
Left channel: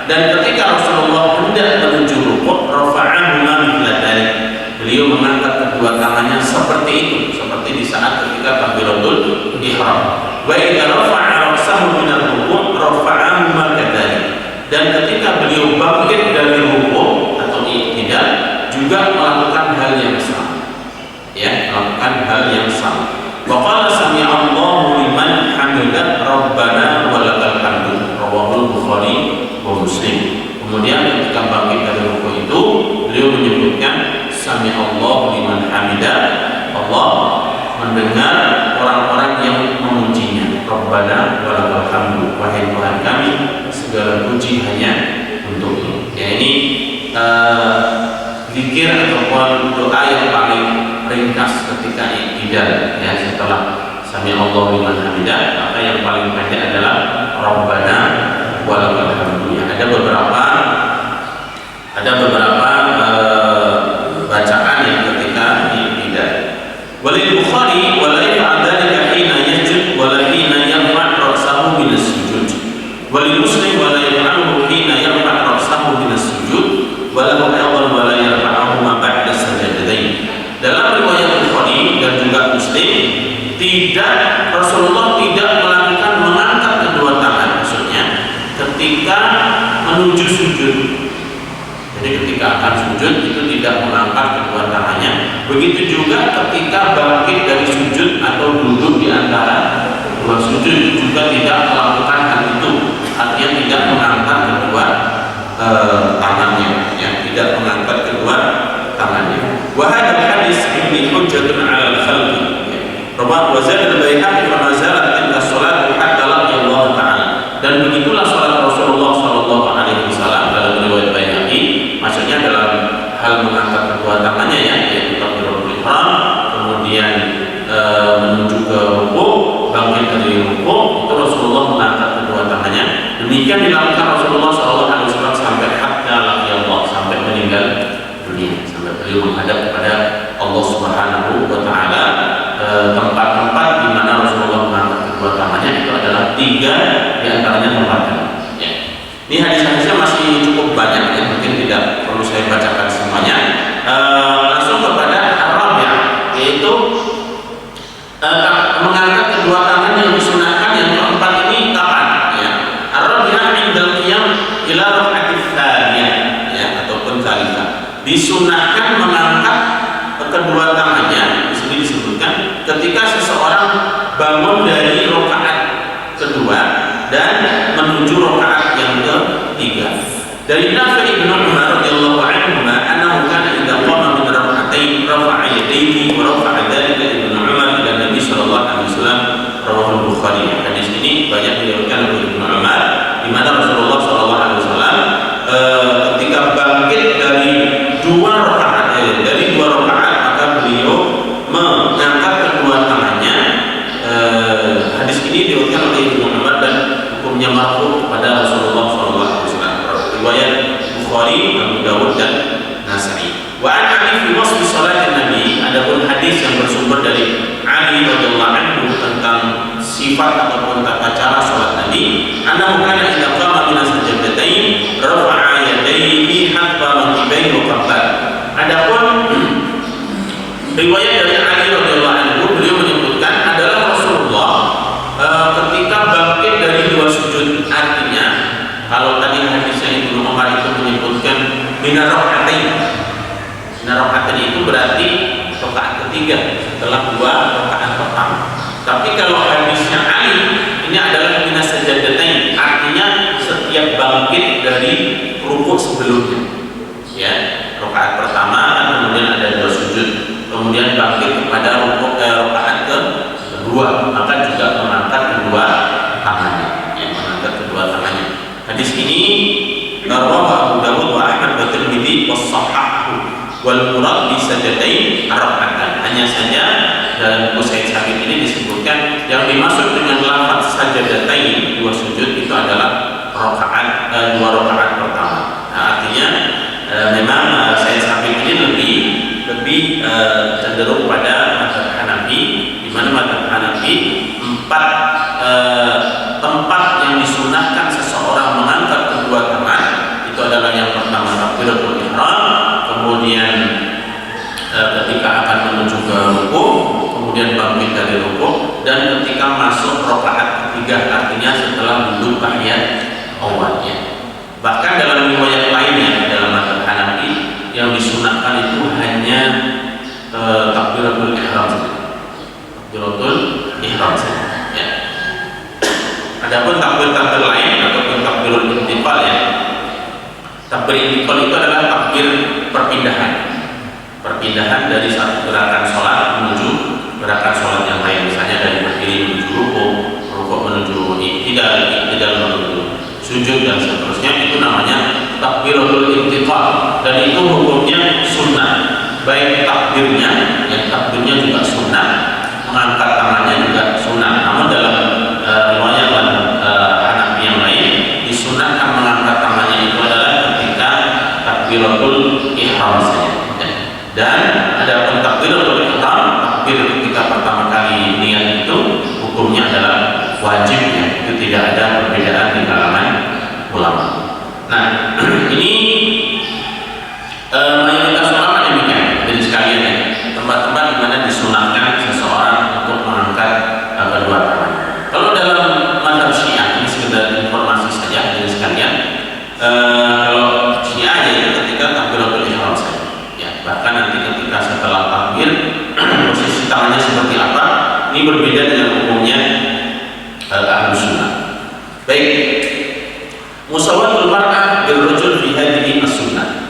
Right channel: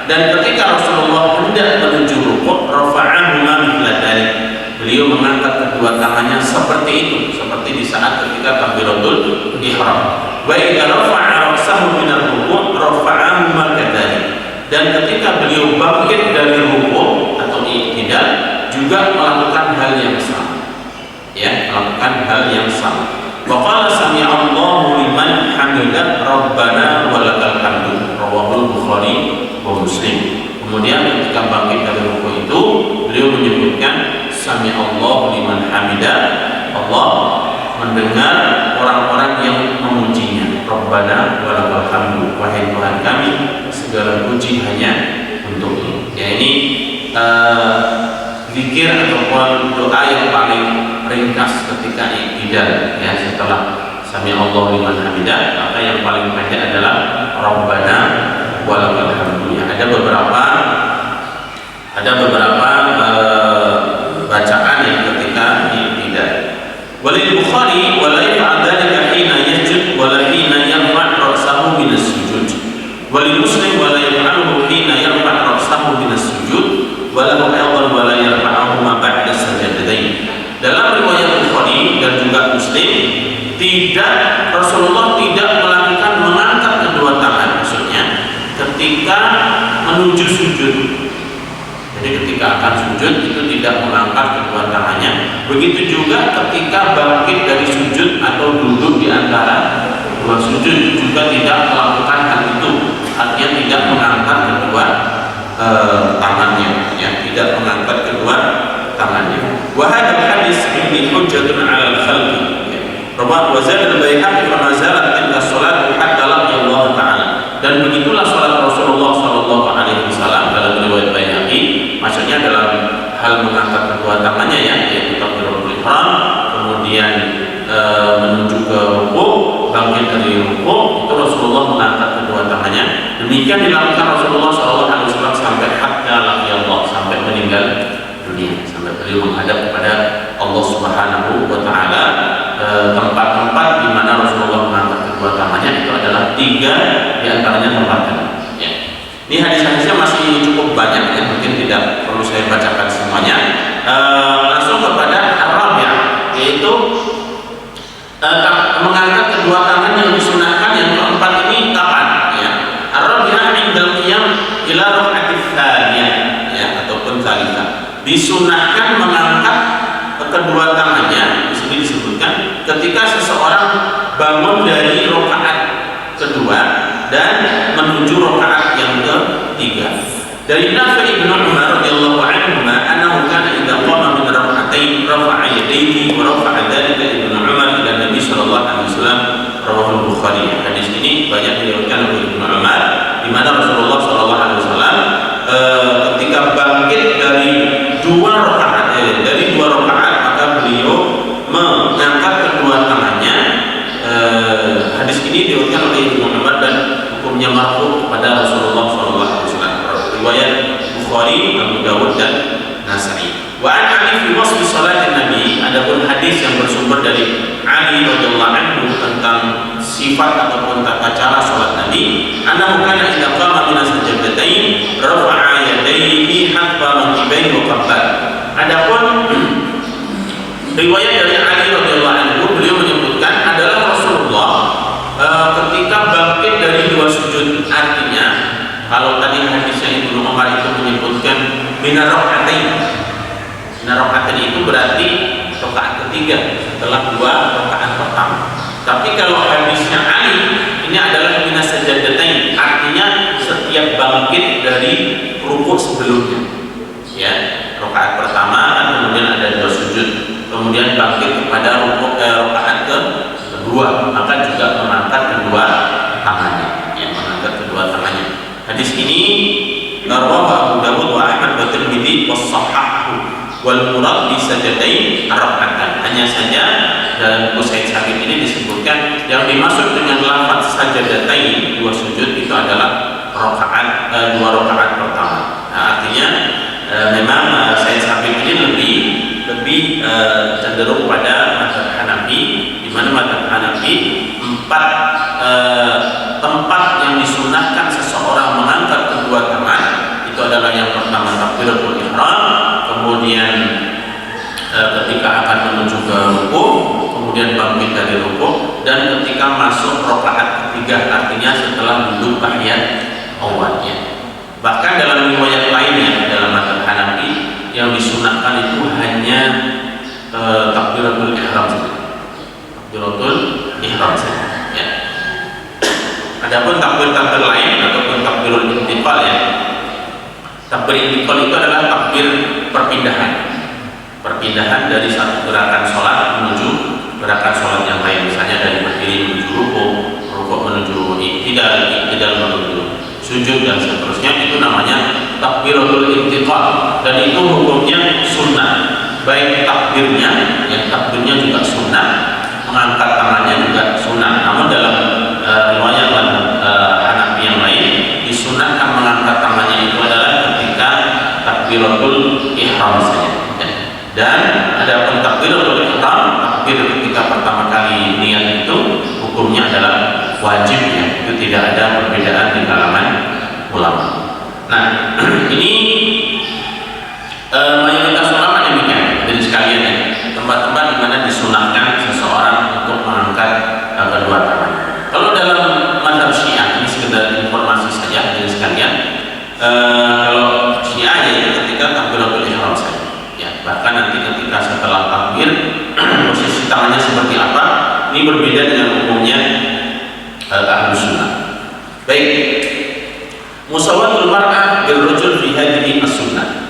dan ketika Rasulullah hendak menuju rukuk, rafa'ahuma mithla dzalik, beliau mengangkat kedua tangannya seperti itu, seperti di saat ketika takbiratul ihram. Wa idza rafa'a ra'sahu min ar-ruku' rafa'ahuma kadzalik, dan ketika beliau bangkit dari rukuk atau i'tidal juga melakukan hal yang sama. Ya, melakukan hal yang sama. Wa qala sami'allahu liman hamidah rabbana walakal hamdu. Rawahu Bukhari wa Muslim. Kemudian ketika bangkit dari rukuk itu beliau menyebutkan sami'allahu liman hamidah, Allah mendengar orang-orang yang memujinya. Rabbana walakal hamdu, wahai Tuhan kami segala puji hanya untukmu. Ya, ini zikir ataupun doa yang paling ringkas ketika i'tidal ya, setelah sami'allahu liman hamidah, maka yang paling pendek adalah Rabbana walakal hamdu. Ya, ada beberapa bacaan yang ketika i'tidal. Walil Bukhari wala yaf'al dzalika hina yasjud wala hina yarfa' ra'sahu min as-sujud. Walil Muslim wala yaf'aluhu hina yarfa' ra'sahu min as-sujud wala aydan wala yarfa'uhu ma ba'da sajdatain. Dalam riwayat Bukhari dan juga Muslim Rasulullah tidak melakukan mengangkat kedua tangan, maksudnya ketika menuju sujud. Jadi ketika akan sujud itu tidak mengangkat kedua tangannya. Begitu juga ketika bangkit dari sujud atau duduk di antara dua sujud juga tidak melakukan hal itu. Artinya tidak mengangkat kedua tangannya, ya, tidak mengangkat kedua tangannya. Wa hadzal hadis ini hujjatun 'alal khalqi. Rawahu wa zada al-Baihaqi fa ma zalat tilka shalat hatta laqiya Allah Ta'ala. Dan begitulah salat Rasulullah sallallahu alaihi wasallam dalam riwayat Baihaqi, maksudnya dalam hal mengangkat kedua tangannya, ya, yaitu takbiratul ihram, kemudian menuju ke rukuk, bangkit dari rukuk, itu Rasulullah mengangkat kedua tangannya. Demikian dilakukan Rasulullah sallallahu alaihi wasallam sampai hatta laqiya Allah, sampai meninggal dunia, sampai beliau menghadap kepada Allah Subhanahu wa Ta'ala. Tempat-tempat di mana Rasulullah mengangkat kedua tangannya itu adalah 3 di antaranya tempat tadi. Ya. Ini hadis-hadisnya masih cukup banyak, ya, mungkin tidak perlu saya bacakan semuanya. Langsung kepada ar-rabi', yaitu mengangkat kedua tangan yang disunahkan yang keempat ini kapan? Ya. Ar-rabi'ah indal qiyam ila raka'atis tsaniyah, ya, ataupun tsalitsah. Disunahkan mengangkat kedua tangannya, di sini disebutkan ketika seseorang bangun dari rakaat kedua dan menuju rakaat yang ketiga. Dari Nafi' bin Umar radhiyallahu anhu annahu kana idza qama min rak'atayn rafa'a yadayhi wa rafa'a dzalika Ibnu Umar ila Nabi sallallahu alaihi wasallam, rawahu Bukhari. Hadis ini banyak diriwayatkan oleh Ibnu Umar, di mana Rasulullah sallallahu alaihi wasallam ketika bangkit dari dua rakaat beliau mengangkat kedua tangannya. Hadis ini diriwayatkan oleh Ibnu Umar dan hukumnya marfu kepada Rasulullah SAW. Riwayat Bukhari, Abu Dawud dan Nasa'i. Wa an Ali fi wasfi salat Nabi, adapun hadis yang bersumber dari Ali radhiyallahu anhu tentang sifat ataupun tata cara salat Nabi, annahu kana idza qama min as-sajdatayn rafa'a yadayhi hatta mankibayhi wa qabbar. Adapun riwayat dari Ali radhiyallahu anhu, beliau menyebutkan adalah Rasulullah ketika bangkit dari dua sujud. Artinya kalau tadi hadisnya Ibnu Umar itu menyebutkan minar raka'atain. Minar raka'atain itu berarti rakaat ketiga setelah dua rakaat pertama. Tapi kalau hadisnya Ali ini adalah minas sajdatain, artinya setiap bangkit dari rukuk sebelumnya. Ya, rakaat pertama kan kemudian ada dua sujud, kemudian bangkit kepada rakaat kedua, maka juga mengangkat kedua tangannya, ya, mengangkat kedua tangannya. Hadis ini rawahu Abu Dawud wa Ahmad wa Tirmidzi wa shahahahu wal murad bi sajdatain rak'atan. Hanya saja dalam buku Said Sabiq ini disebutkan yang dimaksud dengan lafaz sajdatain, dua sujud, itu adalah dua rakaat pertama. Nah, artinya memang Said Sabiq ini lebih cenderung pada mazhab Hanafi, di mana mazhab Hanafi 4 tempat yang disunahkan seseorang mengangkat kedua tangan itu adalah yang pertama takbiratul ihram, kemudian ketika akan menuju ke rukuk, kemudian bangkit dari rukuk, dan ketika masuk rakaat ketiga, artinya setelah duduk tahiyat awalnya. Bahkan dalam riwayat lainnya dalam mazhab Hanafi yang disunahkan itu hanya takbiratul ihram saja. Takbiratul ihram saja. Ya. Adapun takbir lain ataupun takbirul intiqal, ya. Takbir intiqal itu adalah takbir perpindahan dari satu gerakan sholat menuju gerakan sholat yang lain. Misalnya dari berdiri menuju rukuk menuju i'tidal menuju sujud dan seterusnya, itu namanya takbiratul intiqal, dan itu hukumnya sunnah. Baik takbirnya, yang takbirnya juga sunnah, mengangkat tangannya juga sunnah. Namun dalam riwayat Hanafi yang lain disunahkan mengangkat tangannya itu adalah ketika takbiratul ihram saja. Dan adapun takbiratul ihram, takbir ketika pertama kali niat itu hukumnya adalah wajib, ya. Itu tidak ada perbedaan di kalangan ulama. Nah, ini mayoritas ulama demikian. Jadi sekalian, ya, tempat-tempat di mana disunahkan seseorang untuk mengangkat Ini berbeda dengan umumnya ahlu sunnah. Baik, musawatul mar'ah bil rajul fi hadhihi as-sunnah.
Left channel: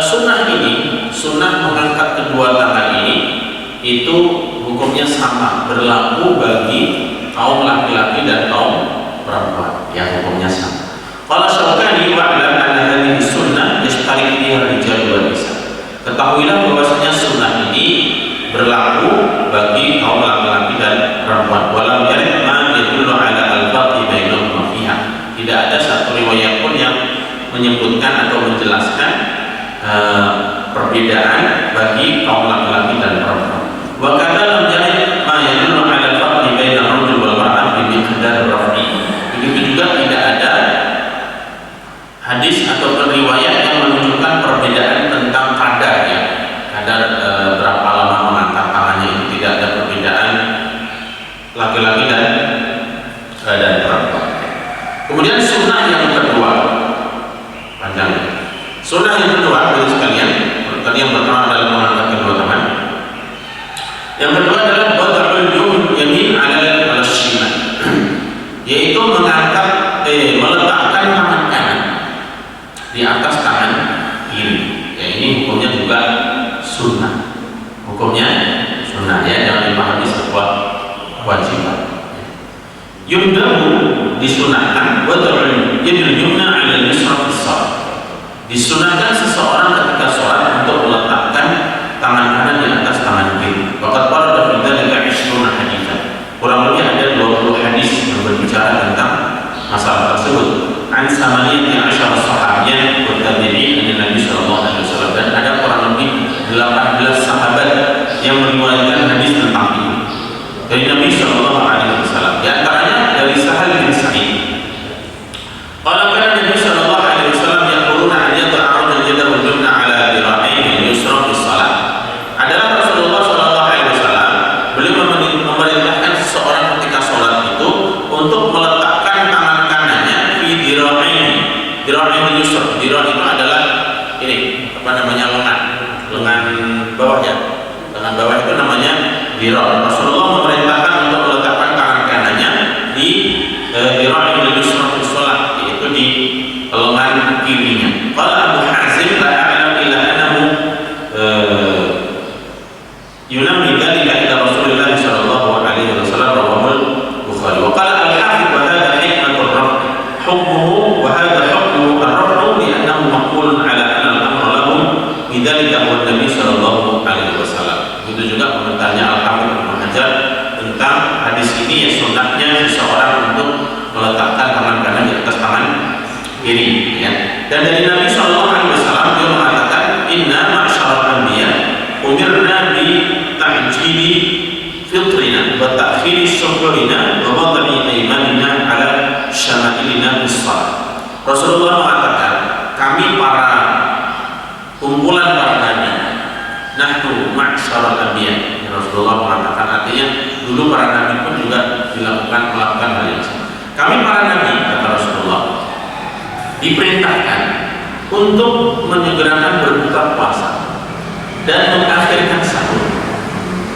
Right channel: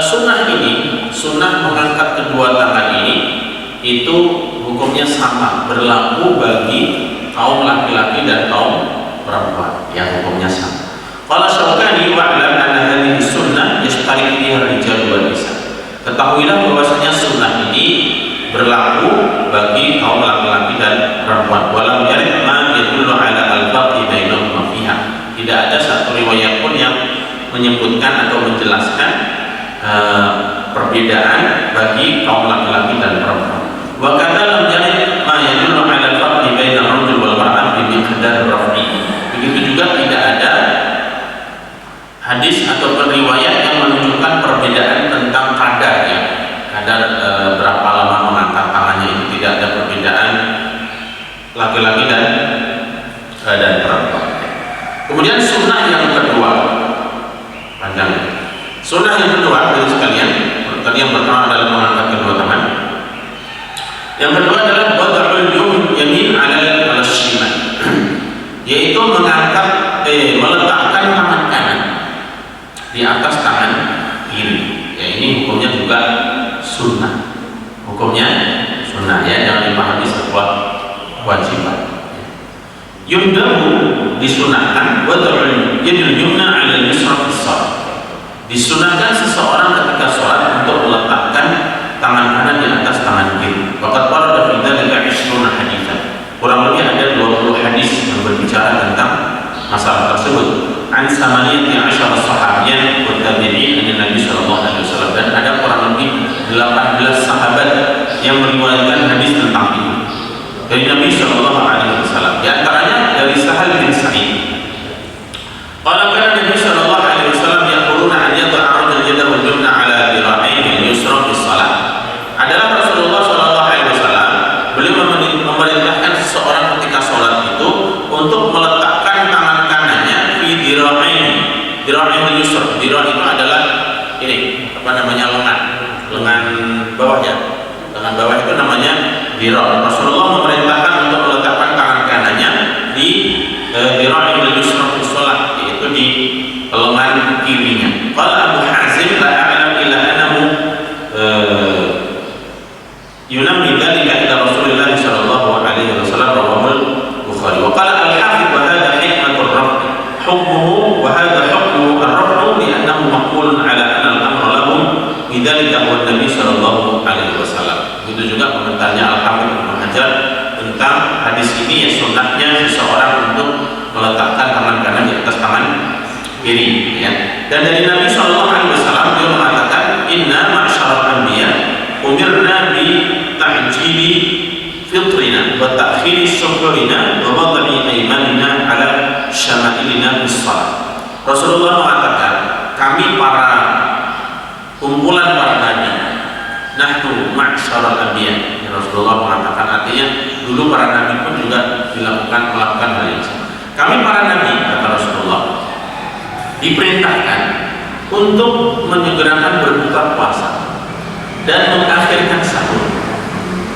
Sunnah ini, sunnah mengangkat kedua tangan ini, itu hukumnya sama, berlaku bagi kaum laki-laki dan kaum perempuan, yang hukumnya sama. Qala Syaukani wa'lam anna hadhihi sunnah yashtariku fiha ar-rijal wan nisa. Ketahuilah bahwasanya sunnah ini berlaku bagi kaum laki-laki dan perempuan. Walam yarid ma yadullu ala al-farqi bainahuma fiha. Tidak ada satu riwayat pun yang menyebutkan atau menjelaskan perbedaan bagi kaum laki-laki dan perempuan. Wa kadza lam yarid ma yadullu ala al-farqi bainal rajul wal mar'ah bi miqdar raf'i. Begitu juga tidak ada hadis atau riwayat yang menunjukkan perbedaan tentang kadarnya. Kadar berapa lama mengangkat tangannya, itu tidak ada perbedaan laki-laki dan perempuan. Kemudian sunnah yang kedua, panjang. Sunnah yang kedua, bagi sekalian, tadi yang pertama adalah mengangkat kedua tangan. Yang kedua adalah wad'ul yamin 'ala al-shimal, yaitu meletakkan tangan kanan di atas tangan kiri. Ya, ini hukumnya juga sunnah. Hukumnya sunnah, ya, jangan dipahami sebuah kewajiban. Yundabu disunahkan wad'ul yadil yumna 'ala al-yusra fi shalah. Disunahkan seseorang ketika sholat untuk meletakkan tangan kanan di atas tangan kiri. Waqad warada fi dzalika 20 haditsan. Kurang lebih ada 20 hadis yang berbicara tentang masalah tersebut. An samaniyati asyara sahabiyyan wa tabi'in dari Nabi sallallahu alaihi wasallam, dan ada kurang lebih 18 sahabat yang meriwayatkan hadis tentang itu dari Nabi sallallahu alaihi wasallam. Di antaranya dari Sahal bin Sa'id. Qala kana Nabi sallallahu alaihi wasallam yaquluna an yada'a ar-rajulu yadahu al-yumna 'ala dhira'ihi al-yusra fi shalah. Adalah Rasulullah sallallahu alaihi wasallam beliau memerintahkan seseorang ketika sholat itu untuk meletakkan tangan kanannya fi dhira'ihi al-yusra. Dhira' itu adalah ini, lengan bawahnya. Lengan bawah itu namanya dhira'. Rasulullah memerintahkan untuk meletakkan tangan kanannya di dhira'ihi al-yusra fi shalah, yaitu di lengan kirinya. Qala Abu Hazim la a'lam illa annahu yunammi dzalika ila Rasulillah sallallahu alaihi wasallam, rawahu Bukhari. Wa qala al-Hafidz wa hadha hikmatur raf' hukmuhu wa hadha hukmu ar-raf' li'annahu maqulun ala anna al-amra lahum bidzalika huwa Nabi sallallahu alaihi wasallam. Itu juga komentarnya Al-Hafidz Ibnu Hajar tentang hadis ini, ya, sunnahnya seseorang untuk meletakkan tangan kanan di atas tangan kiri, ya. Dan dari Nabi sallallahu alaihi wasallam dia mengatakan, inna ma'syaral anbiya umirna bi ta'jili fitrina wa ta'khiri syukrina wa wad'i aymanina ala syama'ilina bis shalah. Rasulullah mengatakan, kami para kumpulan para nabi, nahnu ma'syaral anbiya. Rasulullah mengatakan, artinya dulu para nabi pun juga melakukan hal yang sama. Kami para nabi, kata Rasulullah, diperintahkan untuk menyegerakan berbuka puasa dan mengakhirkan sahur,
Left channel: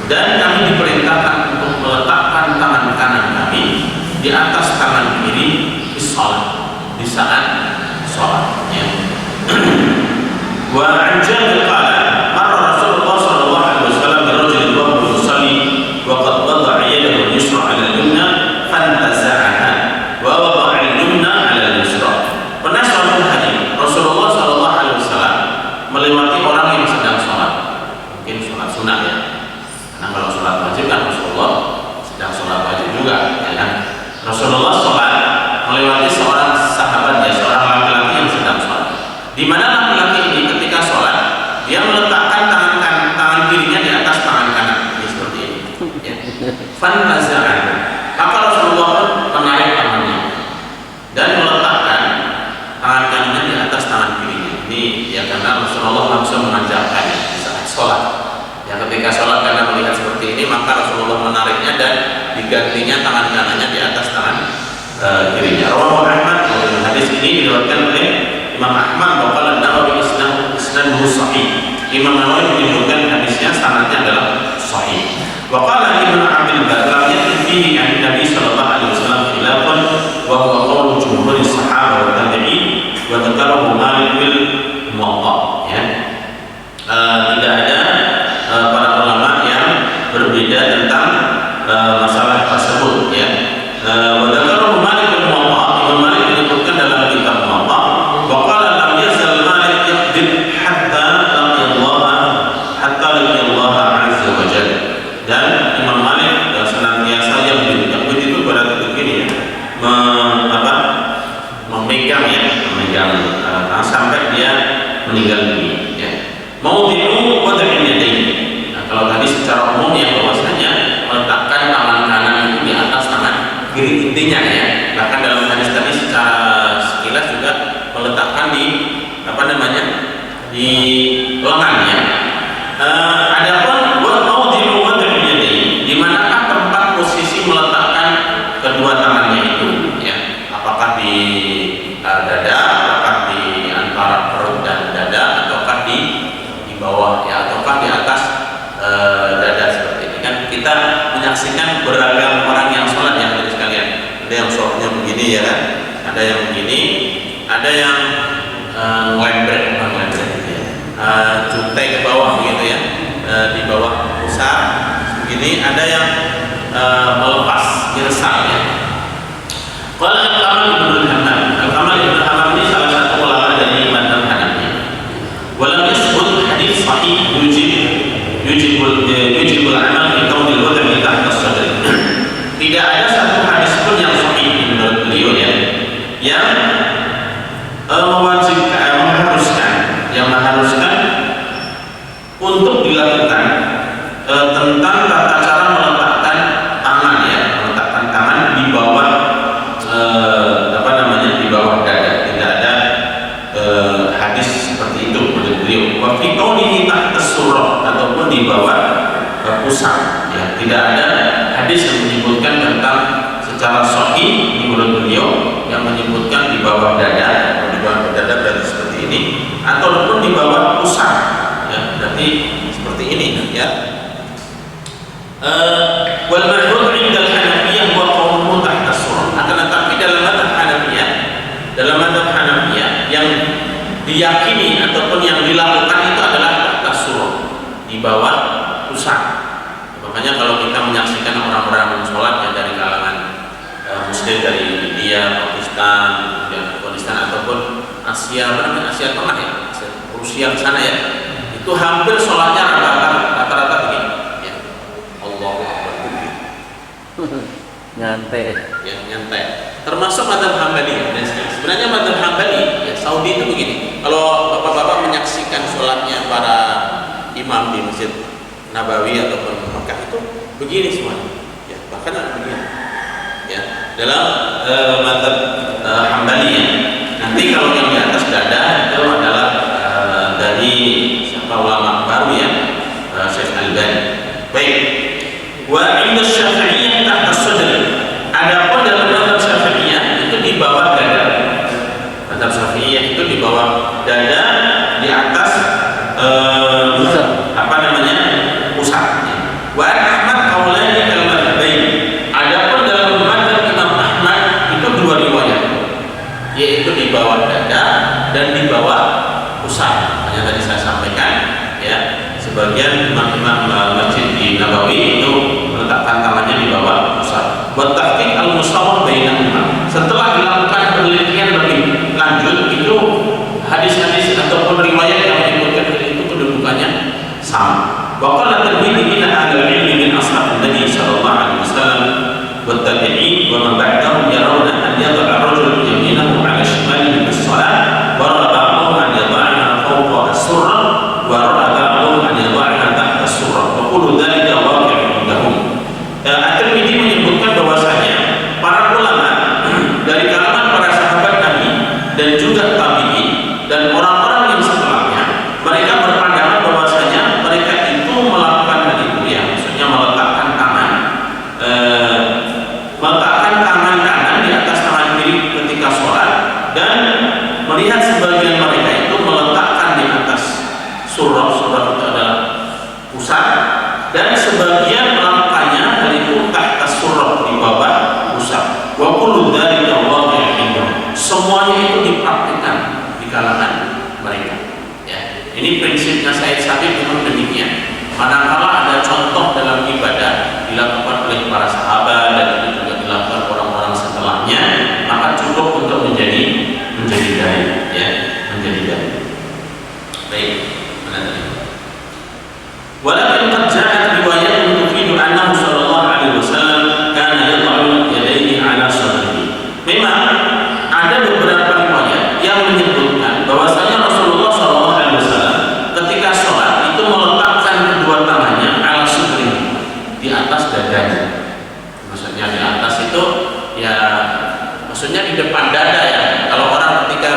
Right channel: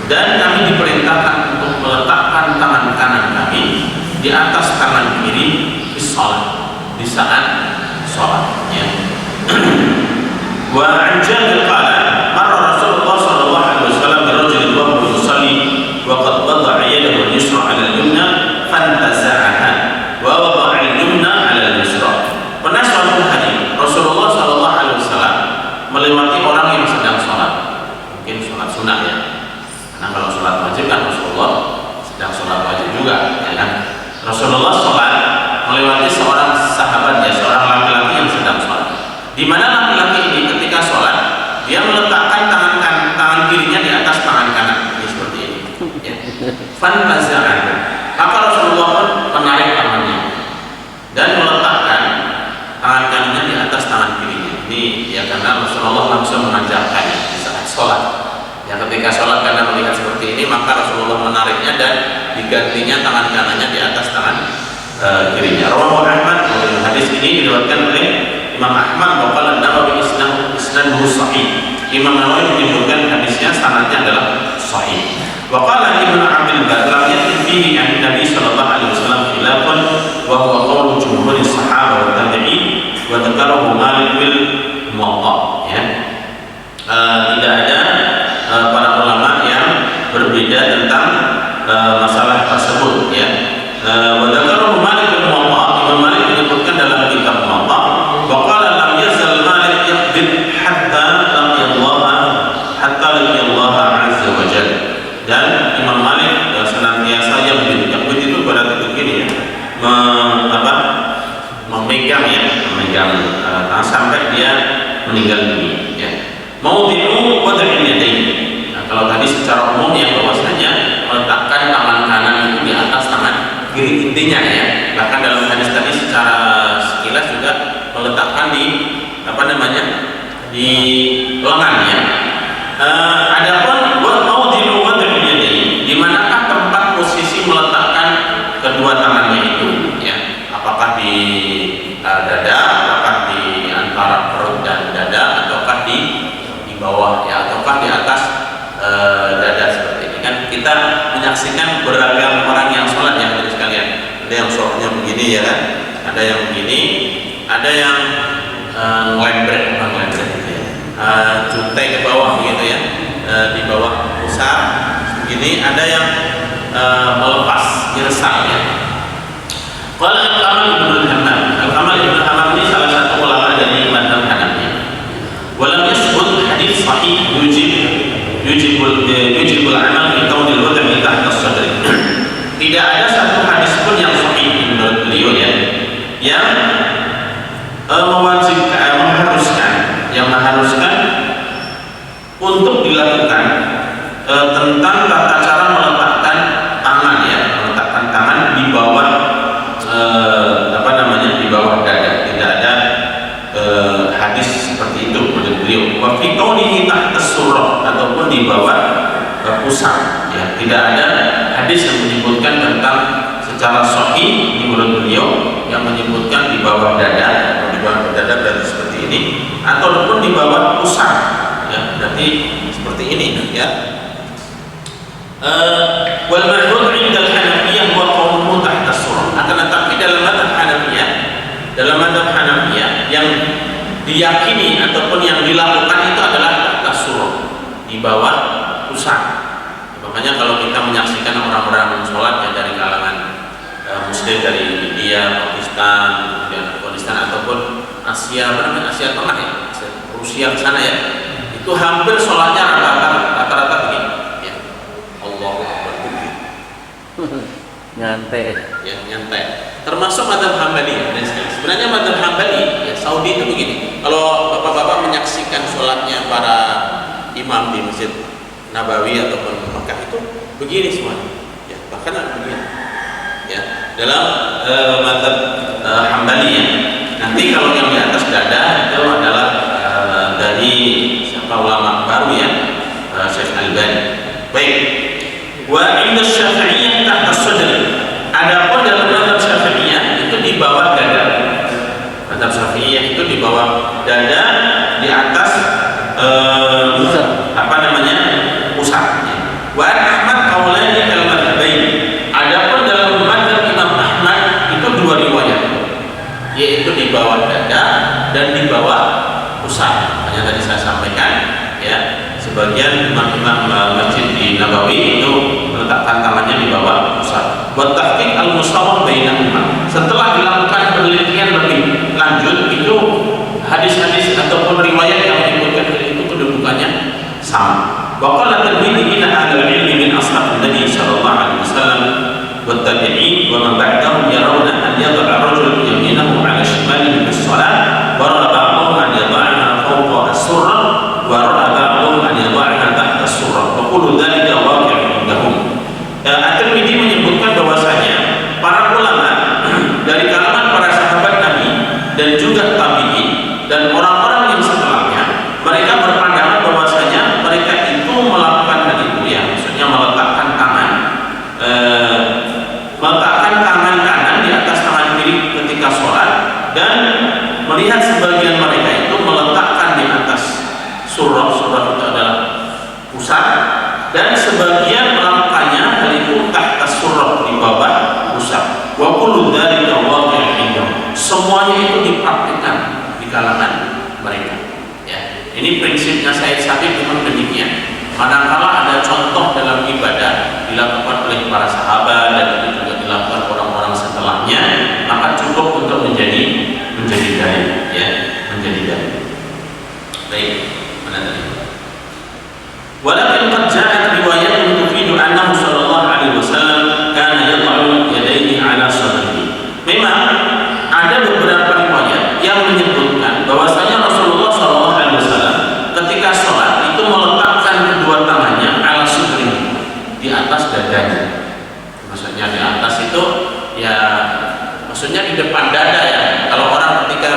dan kami diperintahkan untuk meletakkan tangan kanan kami di atas tangan kiri di salat, di saat salatnya. Wa an Jabir qala marra Rasulullah sallallahu alaihi wasallam bi rajulin wa huwa yusalli wa qad wada'a yadahu al-yusra 'ala al-yumna fantaza'aha wa wada'a al-yumna 'ala al-yusra. Pernah suatu hari Rasulullah sallallahu alaihi wasallam melewati orang yang sedang sholat, mungkin sholat sunnah, ya, karena kalau sholat wajib kan Rasulullah sedang sholat wajib juga, ya kan. Rasulullah sholat melewati seorang sahabat, ya, seorang laki-laki yang sedang sholat, di mana laki-laki ini ketika sholat dia meletakkan tangan kirinya di atas tangan kanan, ya, seperti ini, ya. Fantaza'an, maka Rasulullah pun menarik tangannya dan meletakkan tangan kanannya di atas tangan kirinya. Ini, ya, karena Rasulullah langsung mengajarkannya di saat sholat. Ya, ketika sholat karena melihat seperti ini, maka Rasulullah menariknya dan digantinya tangan kanannya di atas tangan kirinya. Rawahu Ahmad. Hadis ini diriwayatkan oleh Imam Ahmad wa qala an-Nawawi isnaduhu sahih. Imam Nawawi menyebutkan hadisnya sanadnya adalah sahih. Wa qala Ibnu Abdul intinya ya. Bahkan dalam hadis tadi secara sekilas juga meletakkan di di lengannya. Adapun maudi'u wad'il yadayn, di manakah tempat posisi meletakkan kedua tangannya itu ya? Apakah di dada, apakah di antara perut dan dada, ataukah di bawah ya, ataukah di atas dada seperti ini kan? Kita menyaksikan beragam orang yang sholat ya hadirin sekalian. Ada yang sholatnya begini ya kan? Ada yang begini, ada yang ngelembret gitu ya, jutai ke bawah begitu ya, di bawah pusar begini. Ada yang melepas irsal ya. Qala Al-Kamal Ibnu Hammam. Al-Kamal Ibnu Hammam ini salah satu ulama dari mazhab Hanafi. Walam yasbut hadits sahih yujibul amal fi kaunil wad'i tahta as-sadr. Tidak ada satu hadis pun yang sahih menurut beliau ya, yang mengharuskan untuk dilakukan tentang tata cara meletakkan tangan ya, meletakkan tangan di bawah di bawah dada. Tidak ada hadis seperti itu menurut beliau. Wa fi qawlihi tahta as-surrah, ataupun di bawah pusar ya. Tidak ada hadis yang menyebutkan tentang secara sahih menurut beliau yang menyebutkan di bawah dada, atau di bawah dada berarti seperti ini, ataupun di bawah pusar ya, berarti seperti ini ya. Wal ma'hud 'inda al-Hanafiyah wa qawluhu tahta as-surrah. Akan tetapi dalam mazhab Hanafiyah yang diyakini ataupun yang dilakukan itu adalah tahta as-surrah, di bawah pusar. Makanya kalau kita menyaksikan orang-orang sholat yang dari kalangan Muslim dari India, Pakistan, kemudian Afghanistan ataupun Asia Tengah ya, Rusia ke sana ya, itu hampir sholatnya rata-rata begini ya, Allahu Akbar nyantai ya, nyantai. Termasuk mazhab Hambali ya. Dan sebenarnya mazhab Hambali ya, Saudi itu begini. Kalau bapak-bapak menyaksikan sholatnya para imam di Masjid Nabawi ataupun Mekah itu begini semuanya ya, bahkan begini ya, dalam mazhab Hambali ya. Nanti kalau yang di atas dada itu adalah dari siapa ulama baru ya, Syekh Al-Albani. Baik. Wa 'inda Syafi'iyah tahta as-sadr. Adapun dalam mazhab Syafi'iyah itu di bawah dada. Mazhab Syafi'iyah itu di bawah dada, di atas pusat. Wa Ahmad qaulani al-madhhabain. Adapun dalam mazhab Imam Ahmad itu dua riwayat, yaitu di bawah dada dan di bawah pusat. Yang tadi saya sampaikan ya, sebagian imam-imam masjid di Nabawi itu meletakkan tangannya di bawah pusat. Wa tahqiq al-musawwah bainahuma. Setelah dilakukan penelitian lebih lanjut, itu hadis-hadis ataupun riwayat yang menyebutkan itu kedudukannya sama. Wa qala Tirmidzi ila ahli ilmi min ashab Nabi sallallahu alaihi wasallam wa tabi'in wa man ba'dahum yarawna an yad'a ar-rajul yaminahu 'ala shimalihi fi as-salat wa ra'a ba'dhum an yad'aha fawqa as-surrah wa ra'a ba'dhum an yad'aha tahta as-surrah wa kullu dhalika waqi'un indahum. At-Tirmidzi menyebutkan bahwasanya para ulama dari kalangan para sahabat Nabi dan juga tabi'in dan orang-orang yang setelahnya, mereka berpandangan bahwasanya mereka itu melakukan hal itu ya, maksudnya meletakkan tangan kanan di atas tangan kiri ketika sholat, dan melihat sebagian mereka itu meletakkan di atas surah itu adalah pusat, dan sebagian melakukannya hal itu tahta surah, di bawah pusat. Wa kullu dzalika waqi'un. Semuanya itu dipraktikkan di kalangan mereka ya. Ini prinsipnya Said Sabiq memang demikian. Manakala ada contoh dalam ibadah dilakukan oleh para sahabat dan itu juga dilakukan orang-orang setelahnya, maka cukup untuk menjadi dalil ya, menjadi dalil. Baik, mana tadi? Walakin qad ja'at riwayat tufidu annahu sallallahu alaihi wasallam kana yad'u yadayhi 'ala sadrihi. Memang ada beberapa riwayat yang menyebutkan bahwasanya Rasulullah sallallahu alaihi wasallam ketika sholat itu meletakkan kedua tangannya 'ala sadrihi, di atas dadanya. Maksudnya di atas itu ya maksudnya di depan dada ya. Kalau orang ketika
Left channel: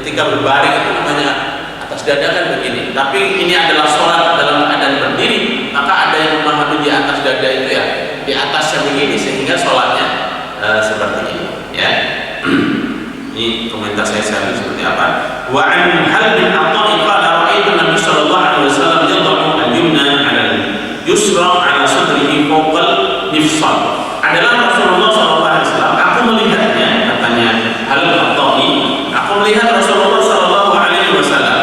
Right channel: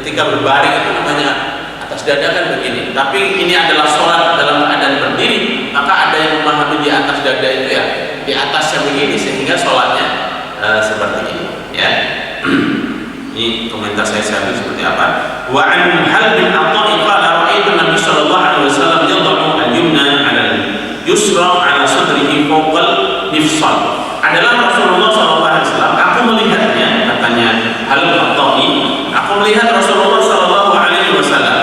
ketika berbaring itu namanya atas dada kan begini. Tapi ini adalah sholat dalam keadaan berdiri, maka ada yang memahami di atas dada itu ya di atasnya begini sehingga sholatnya seperti ini ya. Ini komentar saya seperti apa. Wa an hal bin Atha'i qala ra'aitu Nabi sallallahu alaihi wasallam yad'u al-yumna 'ala al-yusra 'ala sadrihi fawqa al-mifsal. Adalah Rasulullah sallallahu alaihi wasallam, aku melihatnya, katanya Hal bin Atha'i, aku melihat Rasulullah sallallahu alaihi wasallam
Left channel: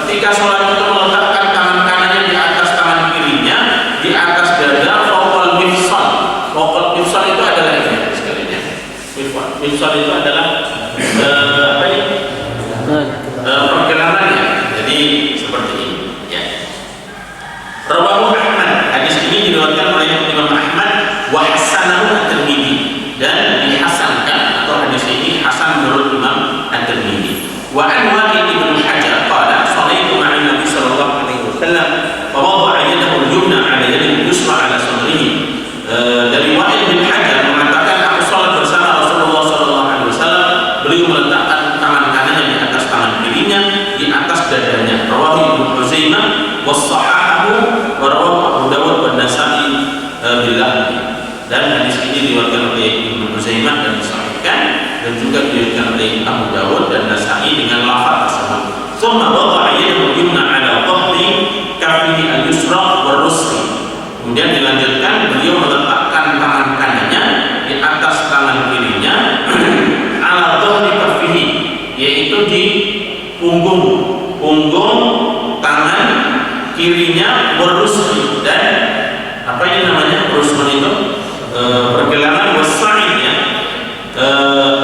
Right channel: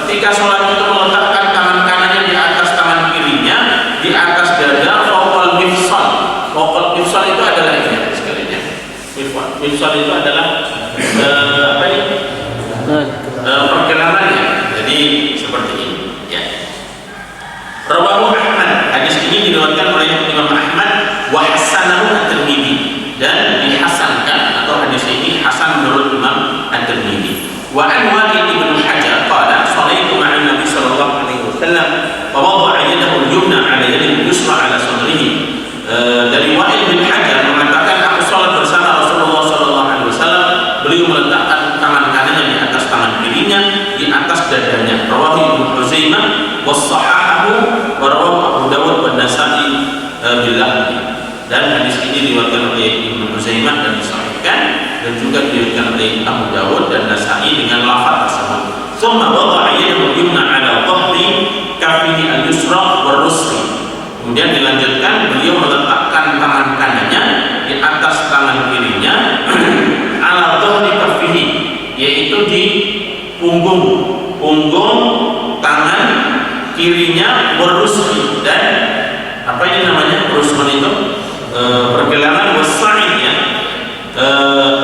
ketika sholat itu meletakkan tangan kanannya di atas tangan kirinya di atas dada fawqa al-mifsal. Fawqa al-mifsal itu adalah ini sekalian ya. Mifsal itu adalah pergelangannya. Jadi seperti ini ya. Rawahu Ahmad, hadis ini diriwayatkan oleh Imam Ahmad wa hasanahu at-Tirmidzi, dan dihasankan atau hadis ini hasan menurut Imam at-Tirmidzi. Wa an Waqid bin Hajar qala sallaitu ma'an Nabi sallallahu alaihi wasallam fa wada'a yadahu al-yumna 'ala yadihi al-yusra 'ala sadrihi. Dari Waqid bin Hajar mengatakan aku salat bersama Rasulullah sallallahu alaihi wasallam, beliau meletakkan tangan kanannya di atas tangan kirinya di atas dadanya. Rawahu Ibnu Huzaimah wa sahahahu wa rawahu Abu Dawud wa Nasa'i billah. Dan hadis ini diriwayatkan oleh Ibnu Huzaimah dan disahihkan, dan juga diriwayatkan oleh Abu Dawud dan Nasa'i dengan lafaz tersebut. Tsumma wada'a yadahu al-yumna 'ala dhahri kaffihi al-yusra wa rusli. Kemudian dilanjutkan beliau meletakkan tangan kanannya di atas tangan kirinya ala dhahri kaffihi, yaitu di punggung tangan kirinya warusli, dan apa ini namanya rusman itu pergelangan wasa'id ya.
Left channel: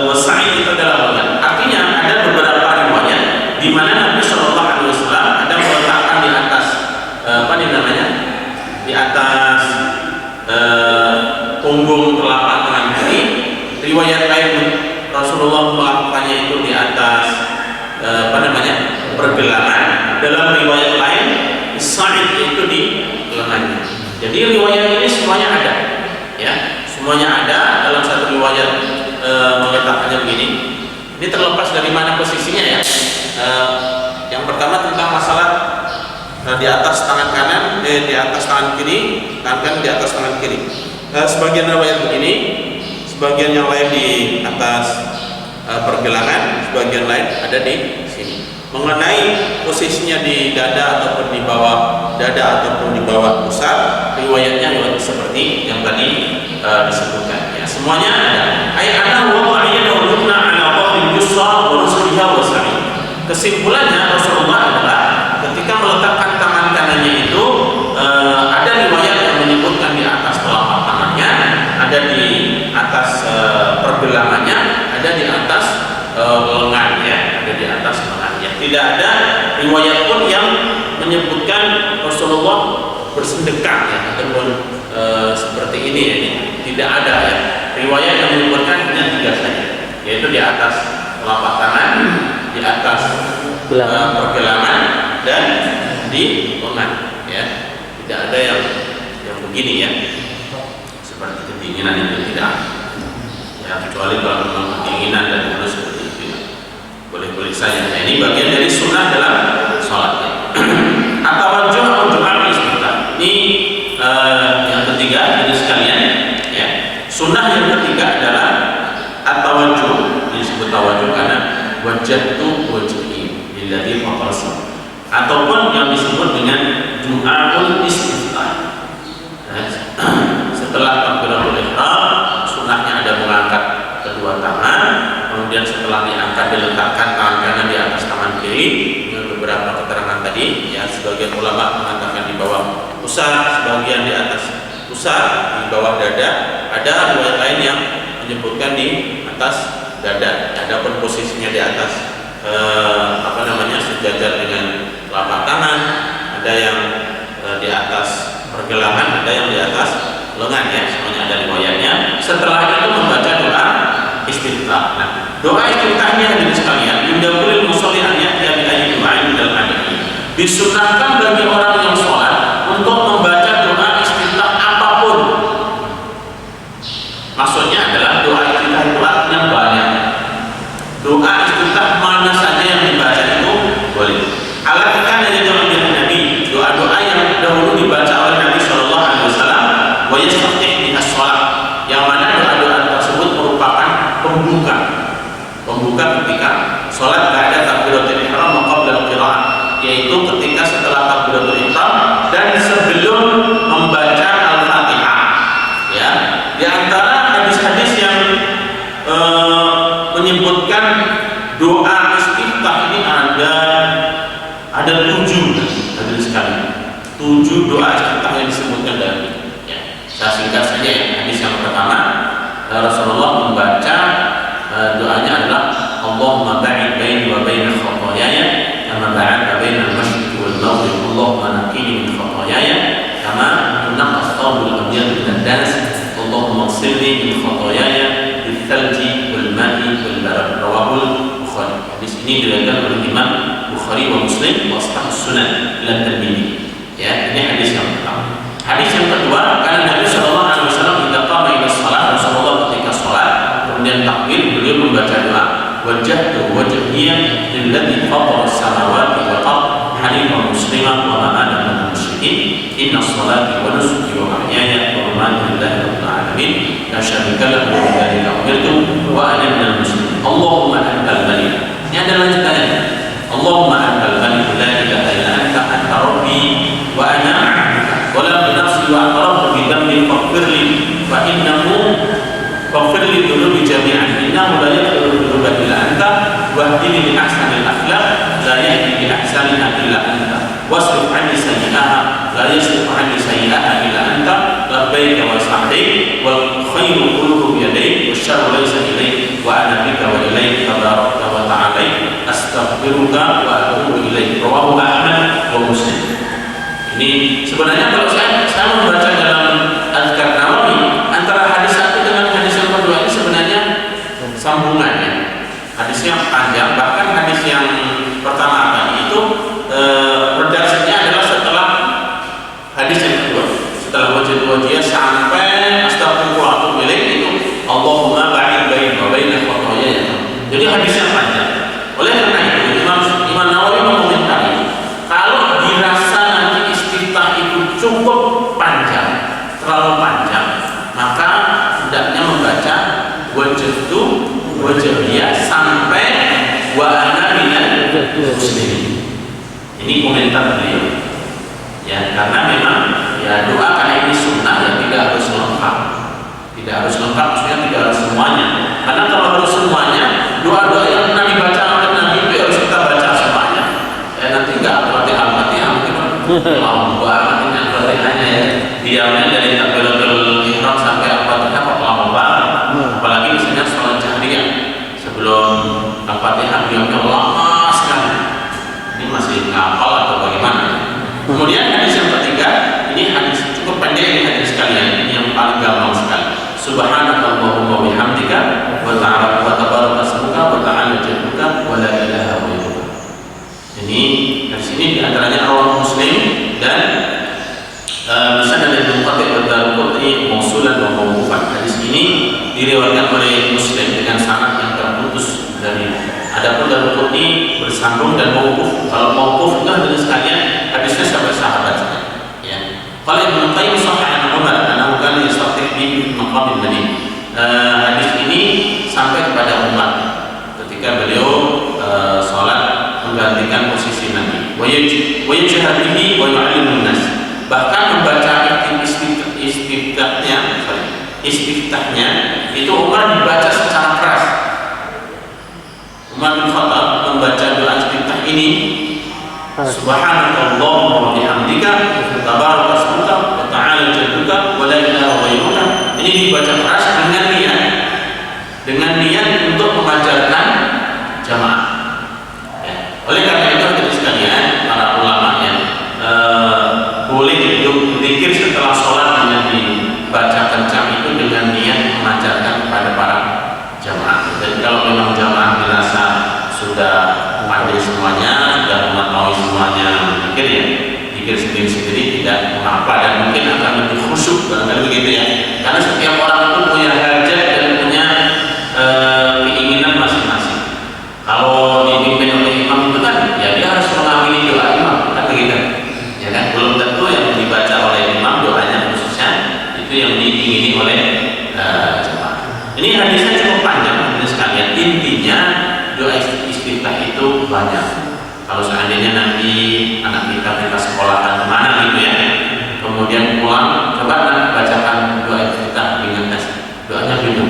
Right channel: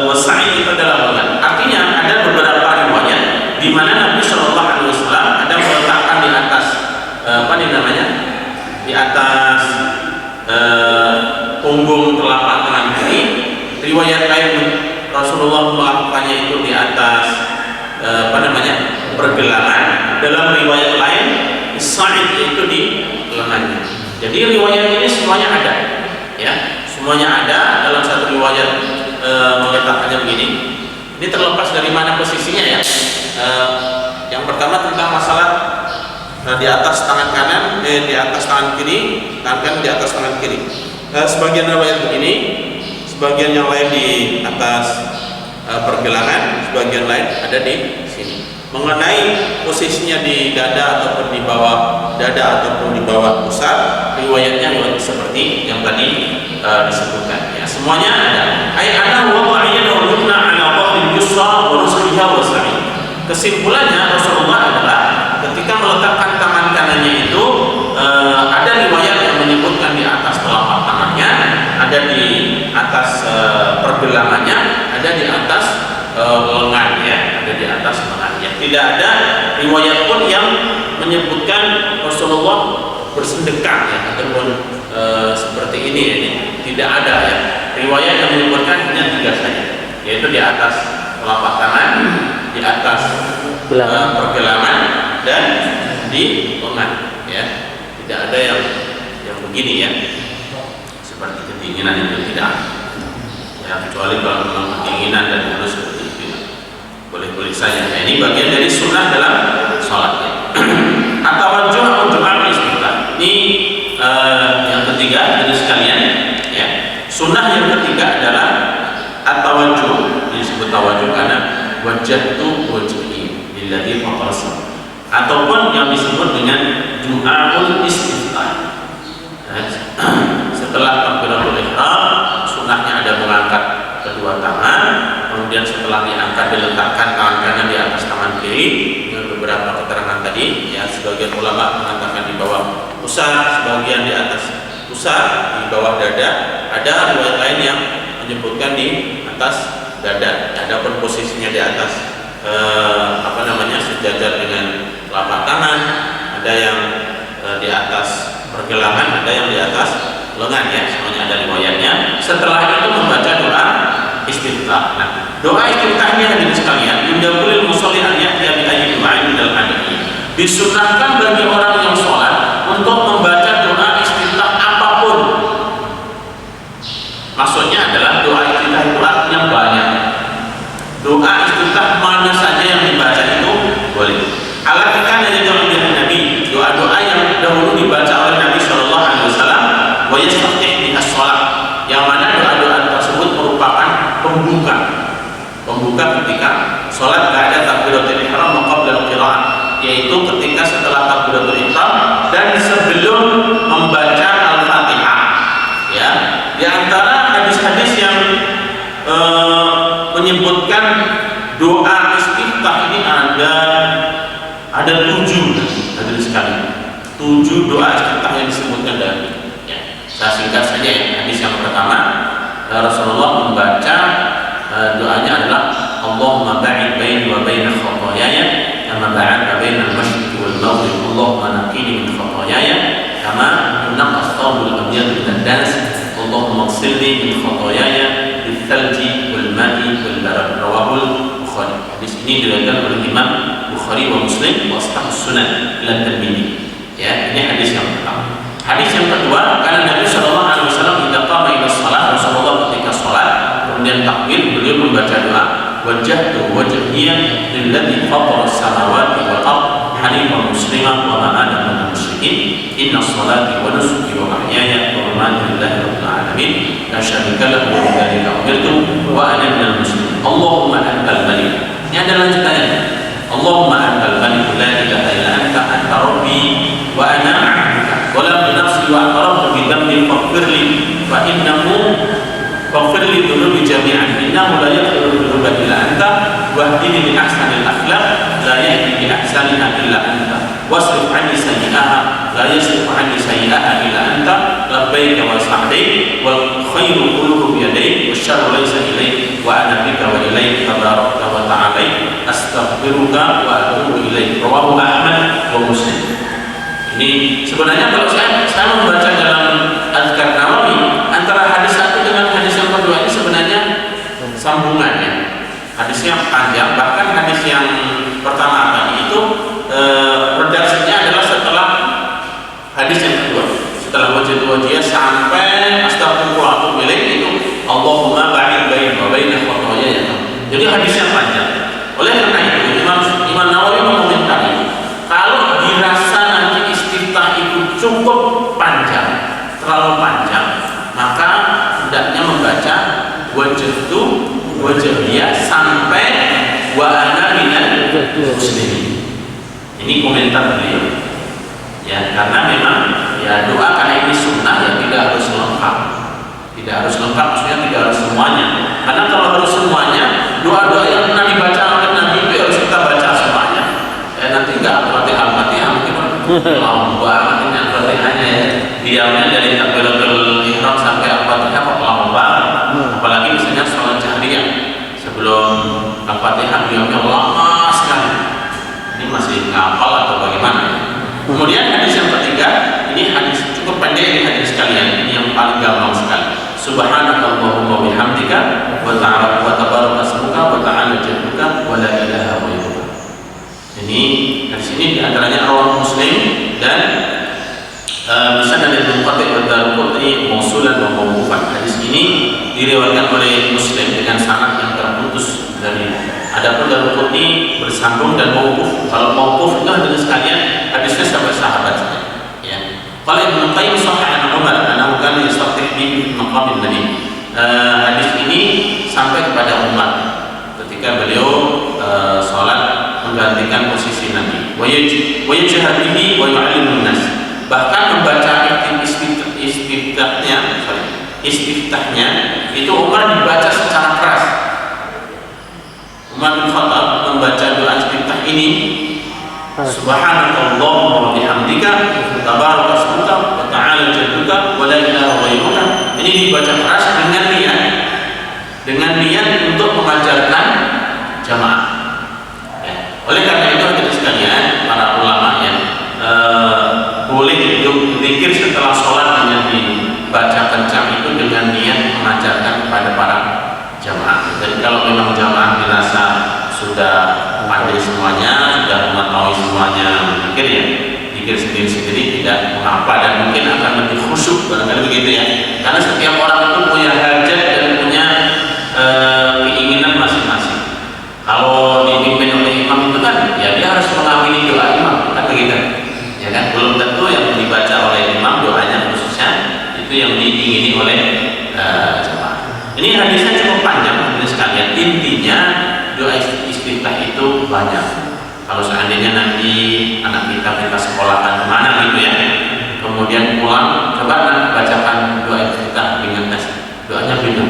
Wasa'id itu adalah lengan. Artinya ada beberapa riwayat di mana Nabi Shallallahu Alaihi Wasallam ada meletakkan di atas di atas punggung telapak tangan kiri. Riwayat lain Rasulullah melakukannya itu di atas pergelangan. Dalam riwayat lain sa'id itu di lengannya. Jadi riwayat ini semuanya ada ya, semuanya ada. Dalam satu riwayat meletakkannya begini. Ini terlepas dari mana posisinya ya. Yang pertama tentang masalah di atas tangan kanan, di atas tangan kiri, tangan kanan di atas tangan kiri. Sebagian riwayat begini, sebagian yang lain di atas pergelangan, sebagian lain ada di sini. Mengenai posisinya di dada ataupun di bawah dada ataupun di bawah pusat, riwayatnya seperti yang tadi disebutkan. Ya, semuanya ada. Ayat wada'a yumna 'ala dhahri yusra wa rusliha wa sa'i. Kesimpulannya Rasulullah adalah ketika meletakkan tangan kanannya itu ada riwayat yang menyebutkan di atas telapak tangannya, ada di atas pergelangannya, ada di atas lengannya, ada di atas lengannya. Tidak ada riwayat pun yang menyebutkan Rasulullah bersedekah ya, ataupun seperti ini ya. Tidak ada ya. Riwayat yang menyebutkan hanya 3 saja, yaitu di atas telapak tangan, di atas pergelangan, dan di lengan ya. Tidak ada yang begini ya, seperti kedinginan itu tidak ya, kecuali kalau memang kedinginan dan harus seperti itu ya. Boleh-boleh saja. Nah, ini bagian dari sunnah dalam sholat ya. At-tawajjuh atau doa istiftah. Ini yang ketiga dari sekalian ya. Sunnah yang ketiga adalah at-tawajjuh. Disebut tawajjuh karena wajjahtu wajhi lilladzi fatara, ataupun yang disebut dengan du'aul istiftah. Setelah takbiratul ihram, sunnahnya ada mengangkat kedua tangan, kemudian setelah diangkat diletakkan tangan kanan di atas tangan kiri dengan beberapa keterangan tadi ya. Sebagian ulama mengatakan di bawah pusar, sebagian di atas pusar, di bawah dada. Ada riwayat lain yang menyebutkan di atas dada. Adapun posisinya di atas sejajar dengan telapak tangan, ada yang di atas pergelangan, ada yang di atas lengan ya, semuanya ada riwayatnya. Setelah itu membaca doa istiftah. Nah, doa istiftahnya hadirin sekalian, yundabulil musolli an ya'tiya bi ayyi du'ain minal adhi. Disunahkan bagi orang yang sholat untuk membaca doa istiftah apapun. Maksudnya pembuka ketika sholat ba'da takbiratul ihram wa qabla al-qira'ah, yaitu ketika setelah takbiratul ihram dan sebelum membaca Al-Fatihah. Ya, di antara hadis-hadis yang menyebutkan doa istiftah ini ada 7 hadirin sekalian. 7 doa istiftah yang disebutkan dari ya. Saya singkat saja ya. Hadis yang pertama, Rasulullah membaca doanya adalah Allahumma ba'id baini wa baina khataayaya kama ba'adta baina al-masyriqi wal maghrib, Allahumma naqqini min khataayaya kama yunqqa ath-thawbul abyad min ad-dans, Allahumma ighsilni min khataayaya bil-thalji wal ma'i wal barad. Rawahul Bukhari. Hadis ini diriwayatkan oleh Imam Bukhari wa Muslim wa Ashhabus Sunan ila Tirmidzi. Ya, ini hadis yang pertama. Hadis yang kedua, karena Nabi sallallahu alaihi wasallam idza qama ila shalah, Rasulullah ketika salat kemudian takbir, beliau membaca doa wajjahtu wajhiya lilladzi fatara as-samawati wal ardh hanifan musliman wa ma ana minal musyrikin inna sholati wa nusuki wa mahyaya wa mamati lillahi rabbil alamin la syarika lahu wa bidzalika umirtu wa ana minal muslimin. Allahumma antal malik. Ini ada lanjutannya. Allahumma antal malik la ilaha illa anta rabbi wa ana 'abduka wa la nafsi wa aqrabu bi dhanbi faghfirli fa innahu faghfirli dhunubi jami'an innahu la yaghfiru dhunuba illa anta wahdini li ahsanil akhlaq la yahdi li ahsaniha illa anta wasrif 'anni sayyi'aha la yasrif 'anni sayyi'aha illa anta labbaika wa sa'daik wal khairu kulluhu bi yadayk wasyarru laysa ilayk wa ana bika wa ilayk tabarakta wa ta'ala astaghfiruka wa atubu ilaik. Rawahu Ahmad wa Muslim. Ini sebenarnya kalau saya membaca dalam Azkar Nawawi antara hadis satu dengan hadis yang kedua ini sebenarnya sambungannya. Hadisnya panjang, bahkan hadis yang pertama tadi itu redaksinya adalah setelah hadis yang kedua, setelah wajah sampai astagfirullah wa atubu ilaik itu Allahumma ba'id baini wa baina khataayaya. Jadi hadisnya panjang. Oleh karena itu Imam Nawawi mengomentari kalau dirasa nanti istiftah itu cukup panjang, terlalu panjang, maka hendaknya membaca wajhtu wajhiya sampai wa ana minal muslimin. Ini komentar beliau. Ya, karena memang ya doa karena ini sunnah ya tidak harus lengkap. Tidak harus lengkap maksudnya tidak harus semuanya. Karena kalau harus semuanya, doa-doa yang Nabi baca oleh Nabi itu harus kita baca semuanya. Ya nanti enggak Al-Fatihah mungkin lama banget ini Al-Fatihahnya ya. Diamnya dari takbiratul ihram sampai Al-Fatihah kok lama banget. Apalagi misalnya sholat jahriyah sebelum Al-Fatihah diamnya lama sekali. Ini masih ngapal atau bagaimana? Kemudian hadis yang ketiga, ini hadis cukup pendek ini hadis sekalian, ini yang paling gampang sekali. Subhanakallahumma wa bihamdika wa ta'ala wa tabaraka ismuka wa ta'ala jadduka wa la ilaha ghairuka. Ini hadis ini diantaranya rawahu Muslim dan bisa dari Muqaddid wa Darqutni mausulan wa mauqufan. Hadis ini diriwayatkan oleh Muslim dengan sanad yang terputus dari. Adapun Darqutni bersambung dan mauquf. Kalau mauquf itu hadis sekalian hadisnya sampai sahabat saja. Ya. Qala Ibnu Qayyim sahih an Umar annahu kana yastaqim bi maqam Nabi. Hadis ini sampai kepada Umar ketika beliau salat menggantikan posisi Nabi. Wa yajhadihi wa yu'allimun nas. Bahkan membaca istiftahnya itu Umar dibaca secara keras. Umar bin Khattab membaca doa istiftah ini Subhanakallahumma wa bihamdika tabaraka ismuka wa ta'ala jadduka wa la ilaha ghairuka. Ini dibaca keras dengan niat untuk mengajarkan jamaah. Ya. Oleh karena itu hadirin sekalian, para ulama yang boleh untuk zikir setelah sholat dengan dibaca kencang itu dengan niat mengajarkan kepada para jamaah. Jadi kalau memang jamaah dirasa sudah pandai semuanya, sudah mengetahui semuanya berpikir ya, pikir sendiri-sendiri tidak mengapa dan mungkin akan lebih khusyuk barangkali begitu ya. Karena setiap orang itu punya hajat dan punya keinginan masing-masing. Kalau dipimpin oleh imam itu kan ya dia harus mengamini doa imam kan begitu. Ya kan belum tentu yang dibaca oleh imam doanya khususnya itu yang diingini oleh jemaah. Ini hadisnya cukup panjang hadis sekalian. Intinya doa istiftah itu banyak. Kalau seandainya nanti anak kita sekolahan kemana gitu ya, kemudian pulang, coba nanti bacakan doa istiftah dengan tes. Doanya beda.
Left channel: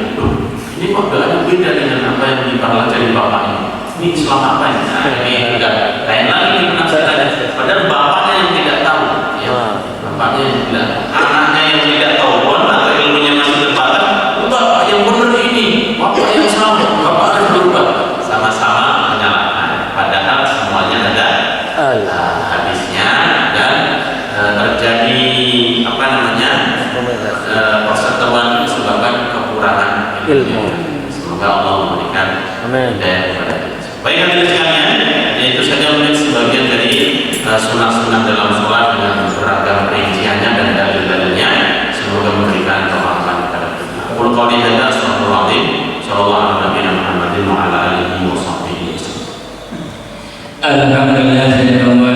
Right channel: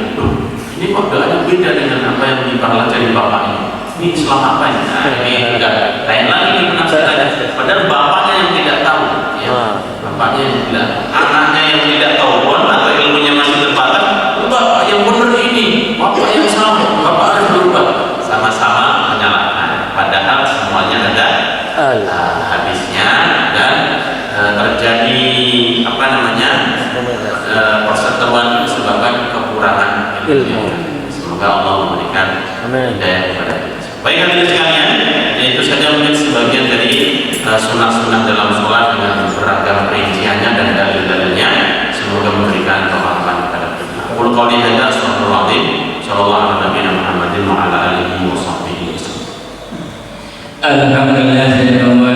Ini kok doanya beda dengan apa yang dipelajari bapak ini? Ini Islam apa ini? Nah, ini juga lain lagi nih penafsirannya. Padahal bapaknya yang tidak tahu, ya. Bapaknya yang tidak, anaknya yang tidak tahu pun atau ilmunya masih terbatas. Bapak yang benar ini, bapak yang salah, bapak harus berubah. Sama-sama menyalahkan. Padahal semuanya ada habisnya dan terjadi apa namanya perseteruan disebabkan kekurangan ilmu. Semoga Allah memberikan hidayah kepada kita. Baik hadirin sekalian, itu saja mungkin sebagian dari sunah-sunah dalam sholat dengan beragam perinciannya dan dalil-dalilnya. Semoga memberikan kemahaman kepada kita. Qul qawli hadza astaghfirullahaladzim. Sallallahu alaihi Muhammadin wa ala alihi wa sahbihi. Alhamdulillah.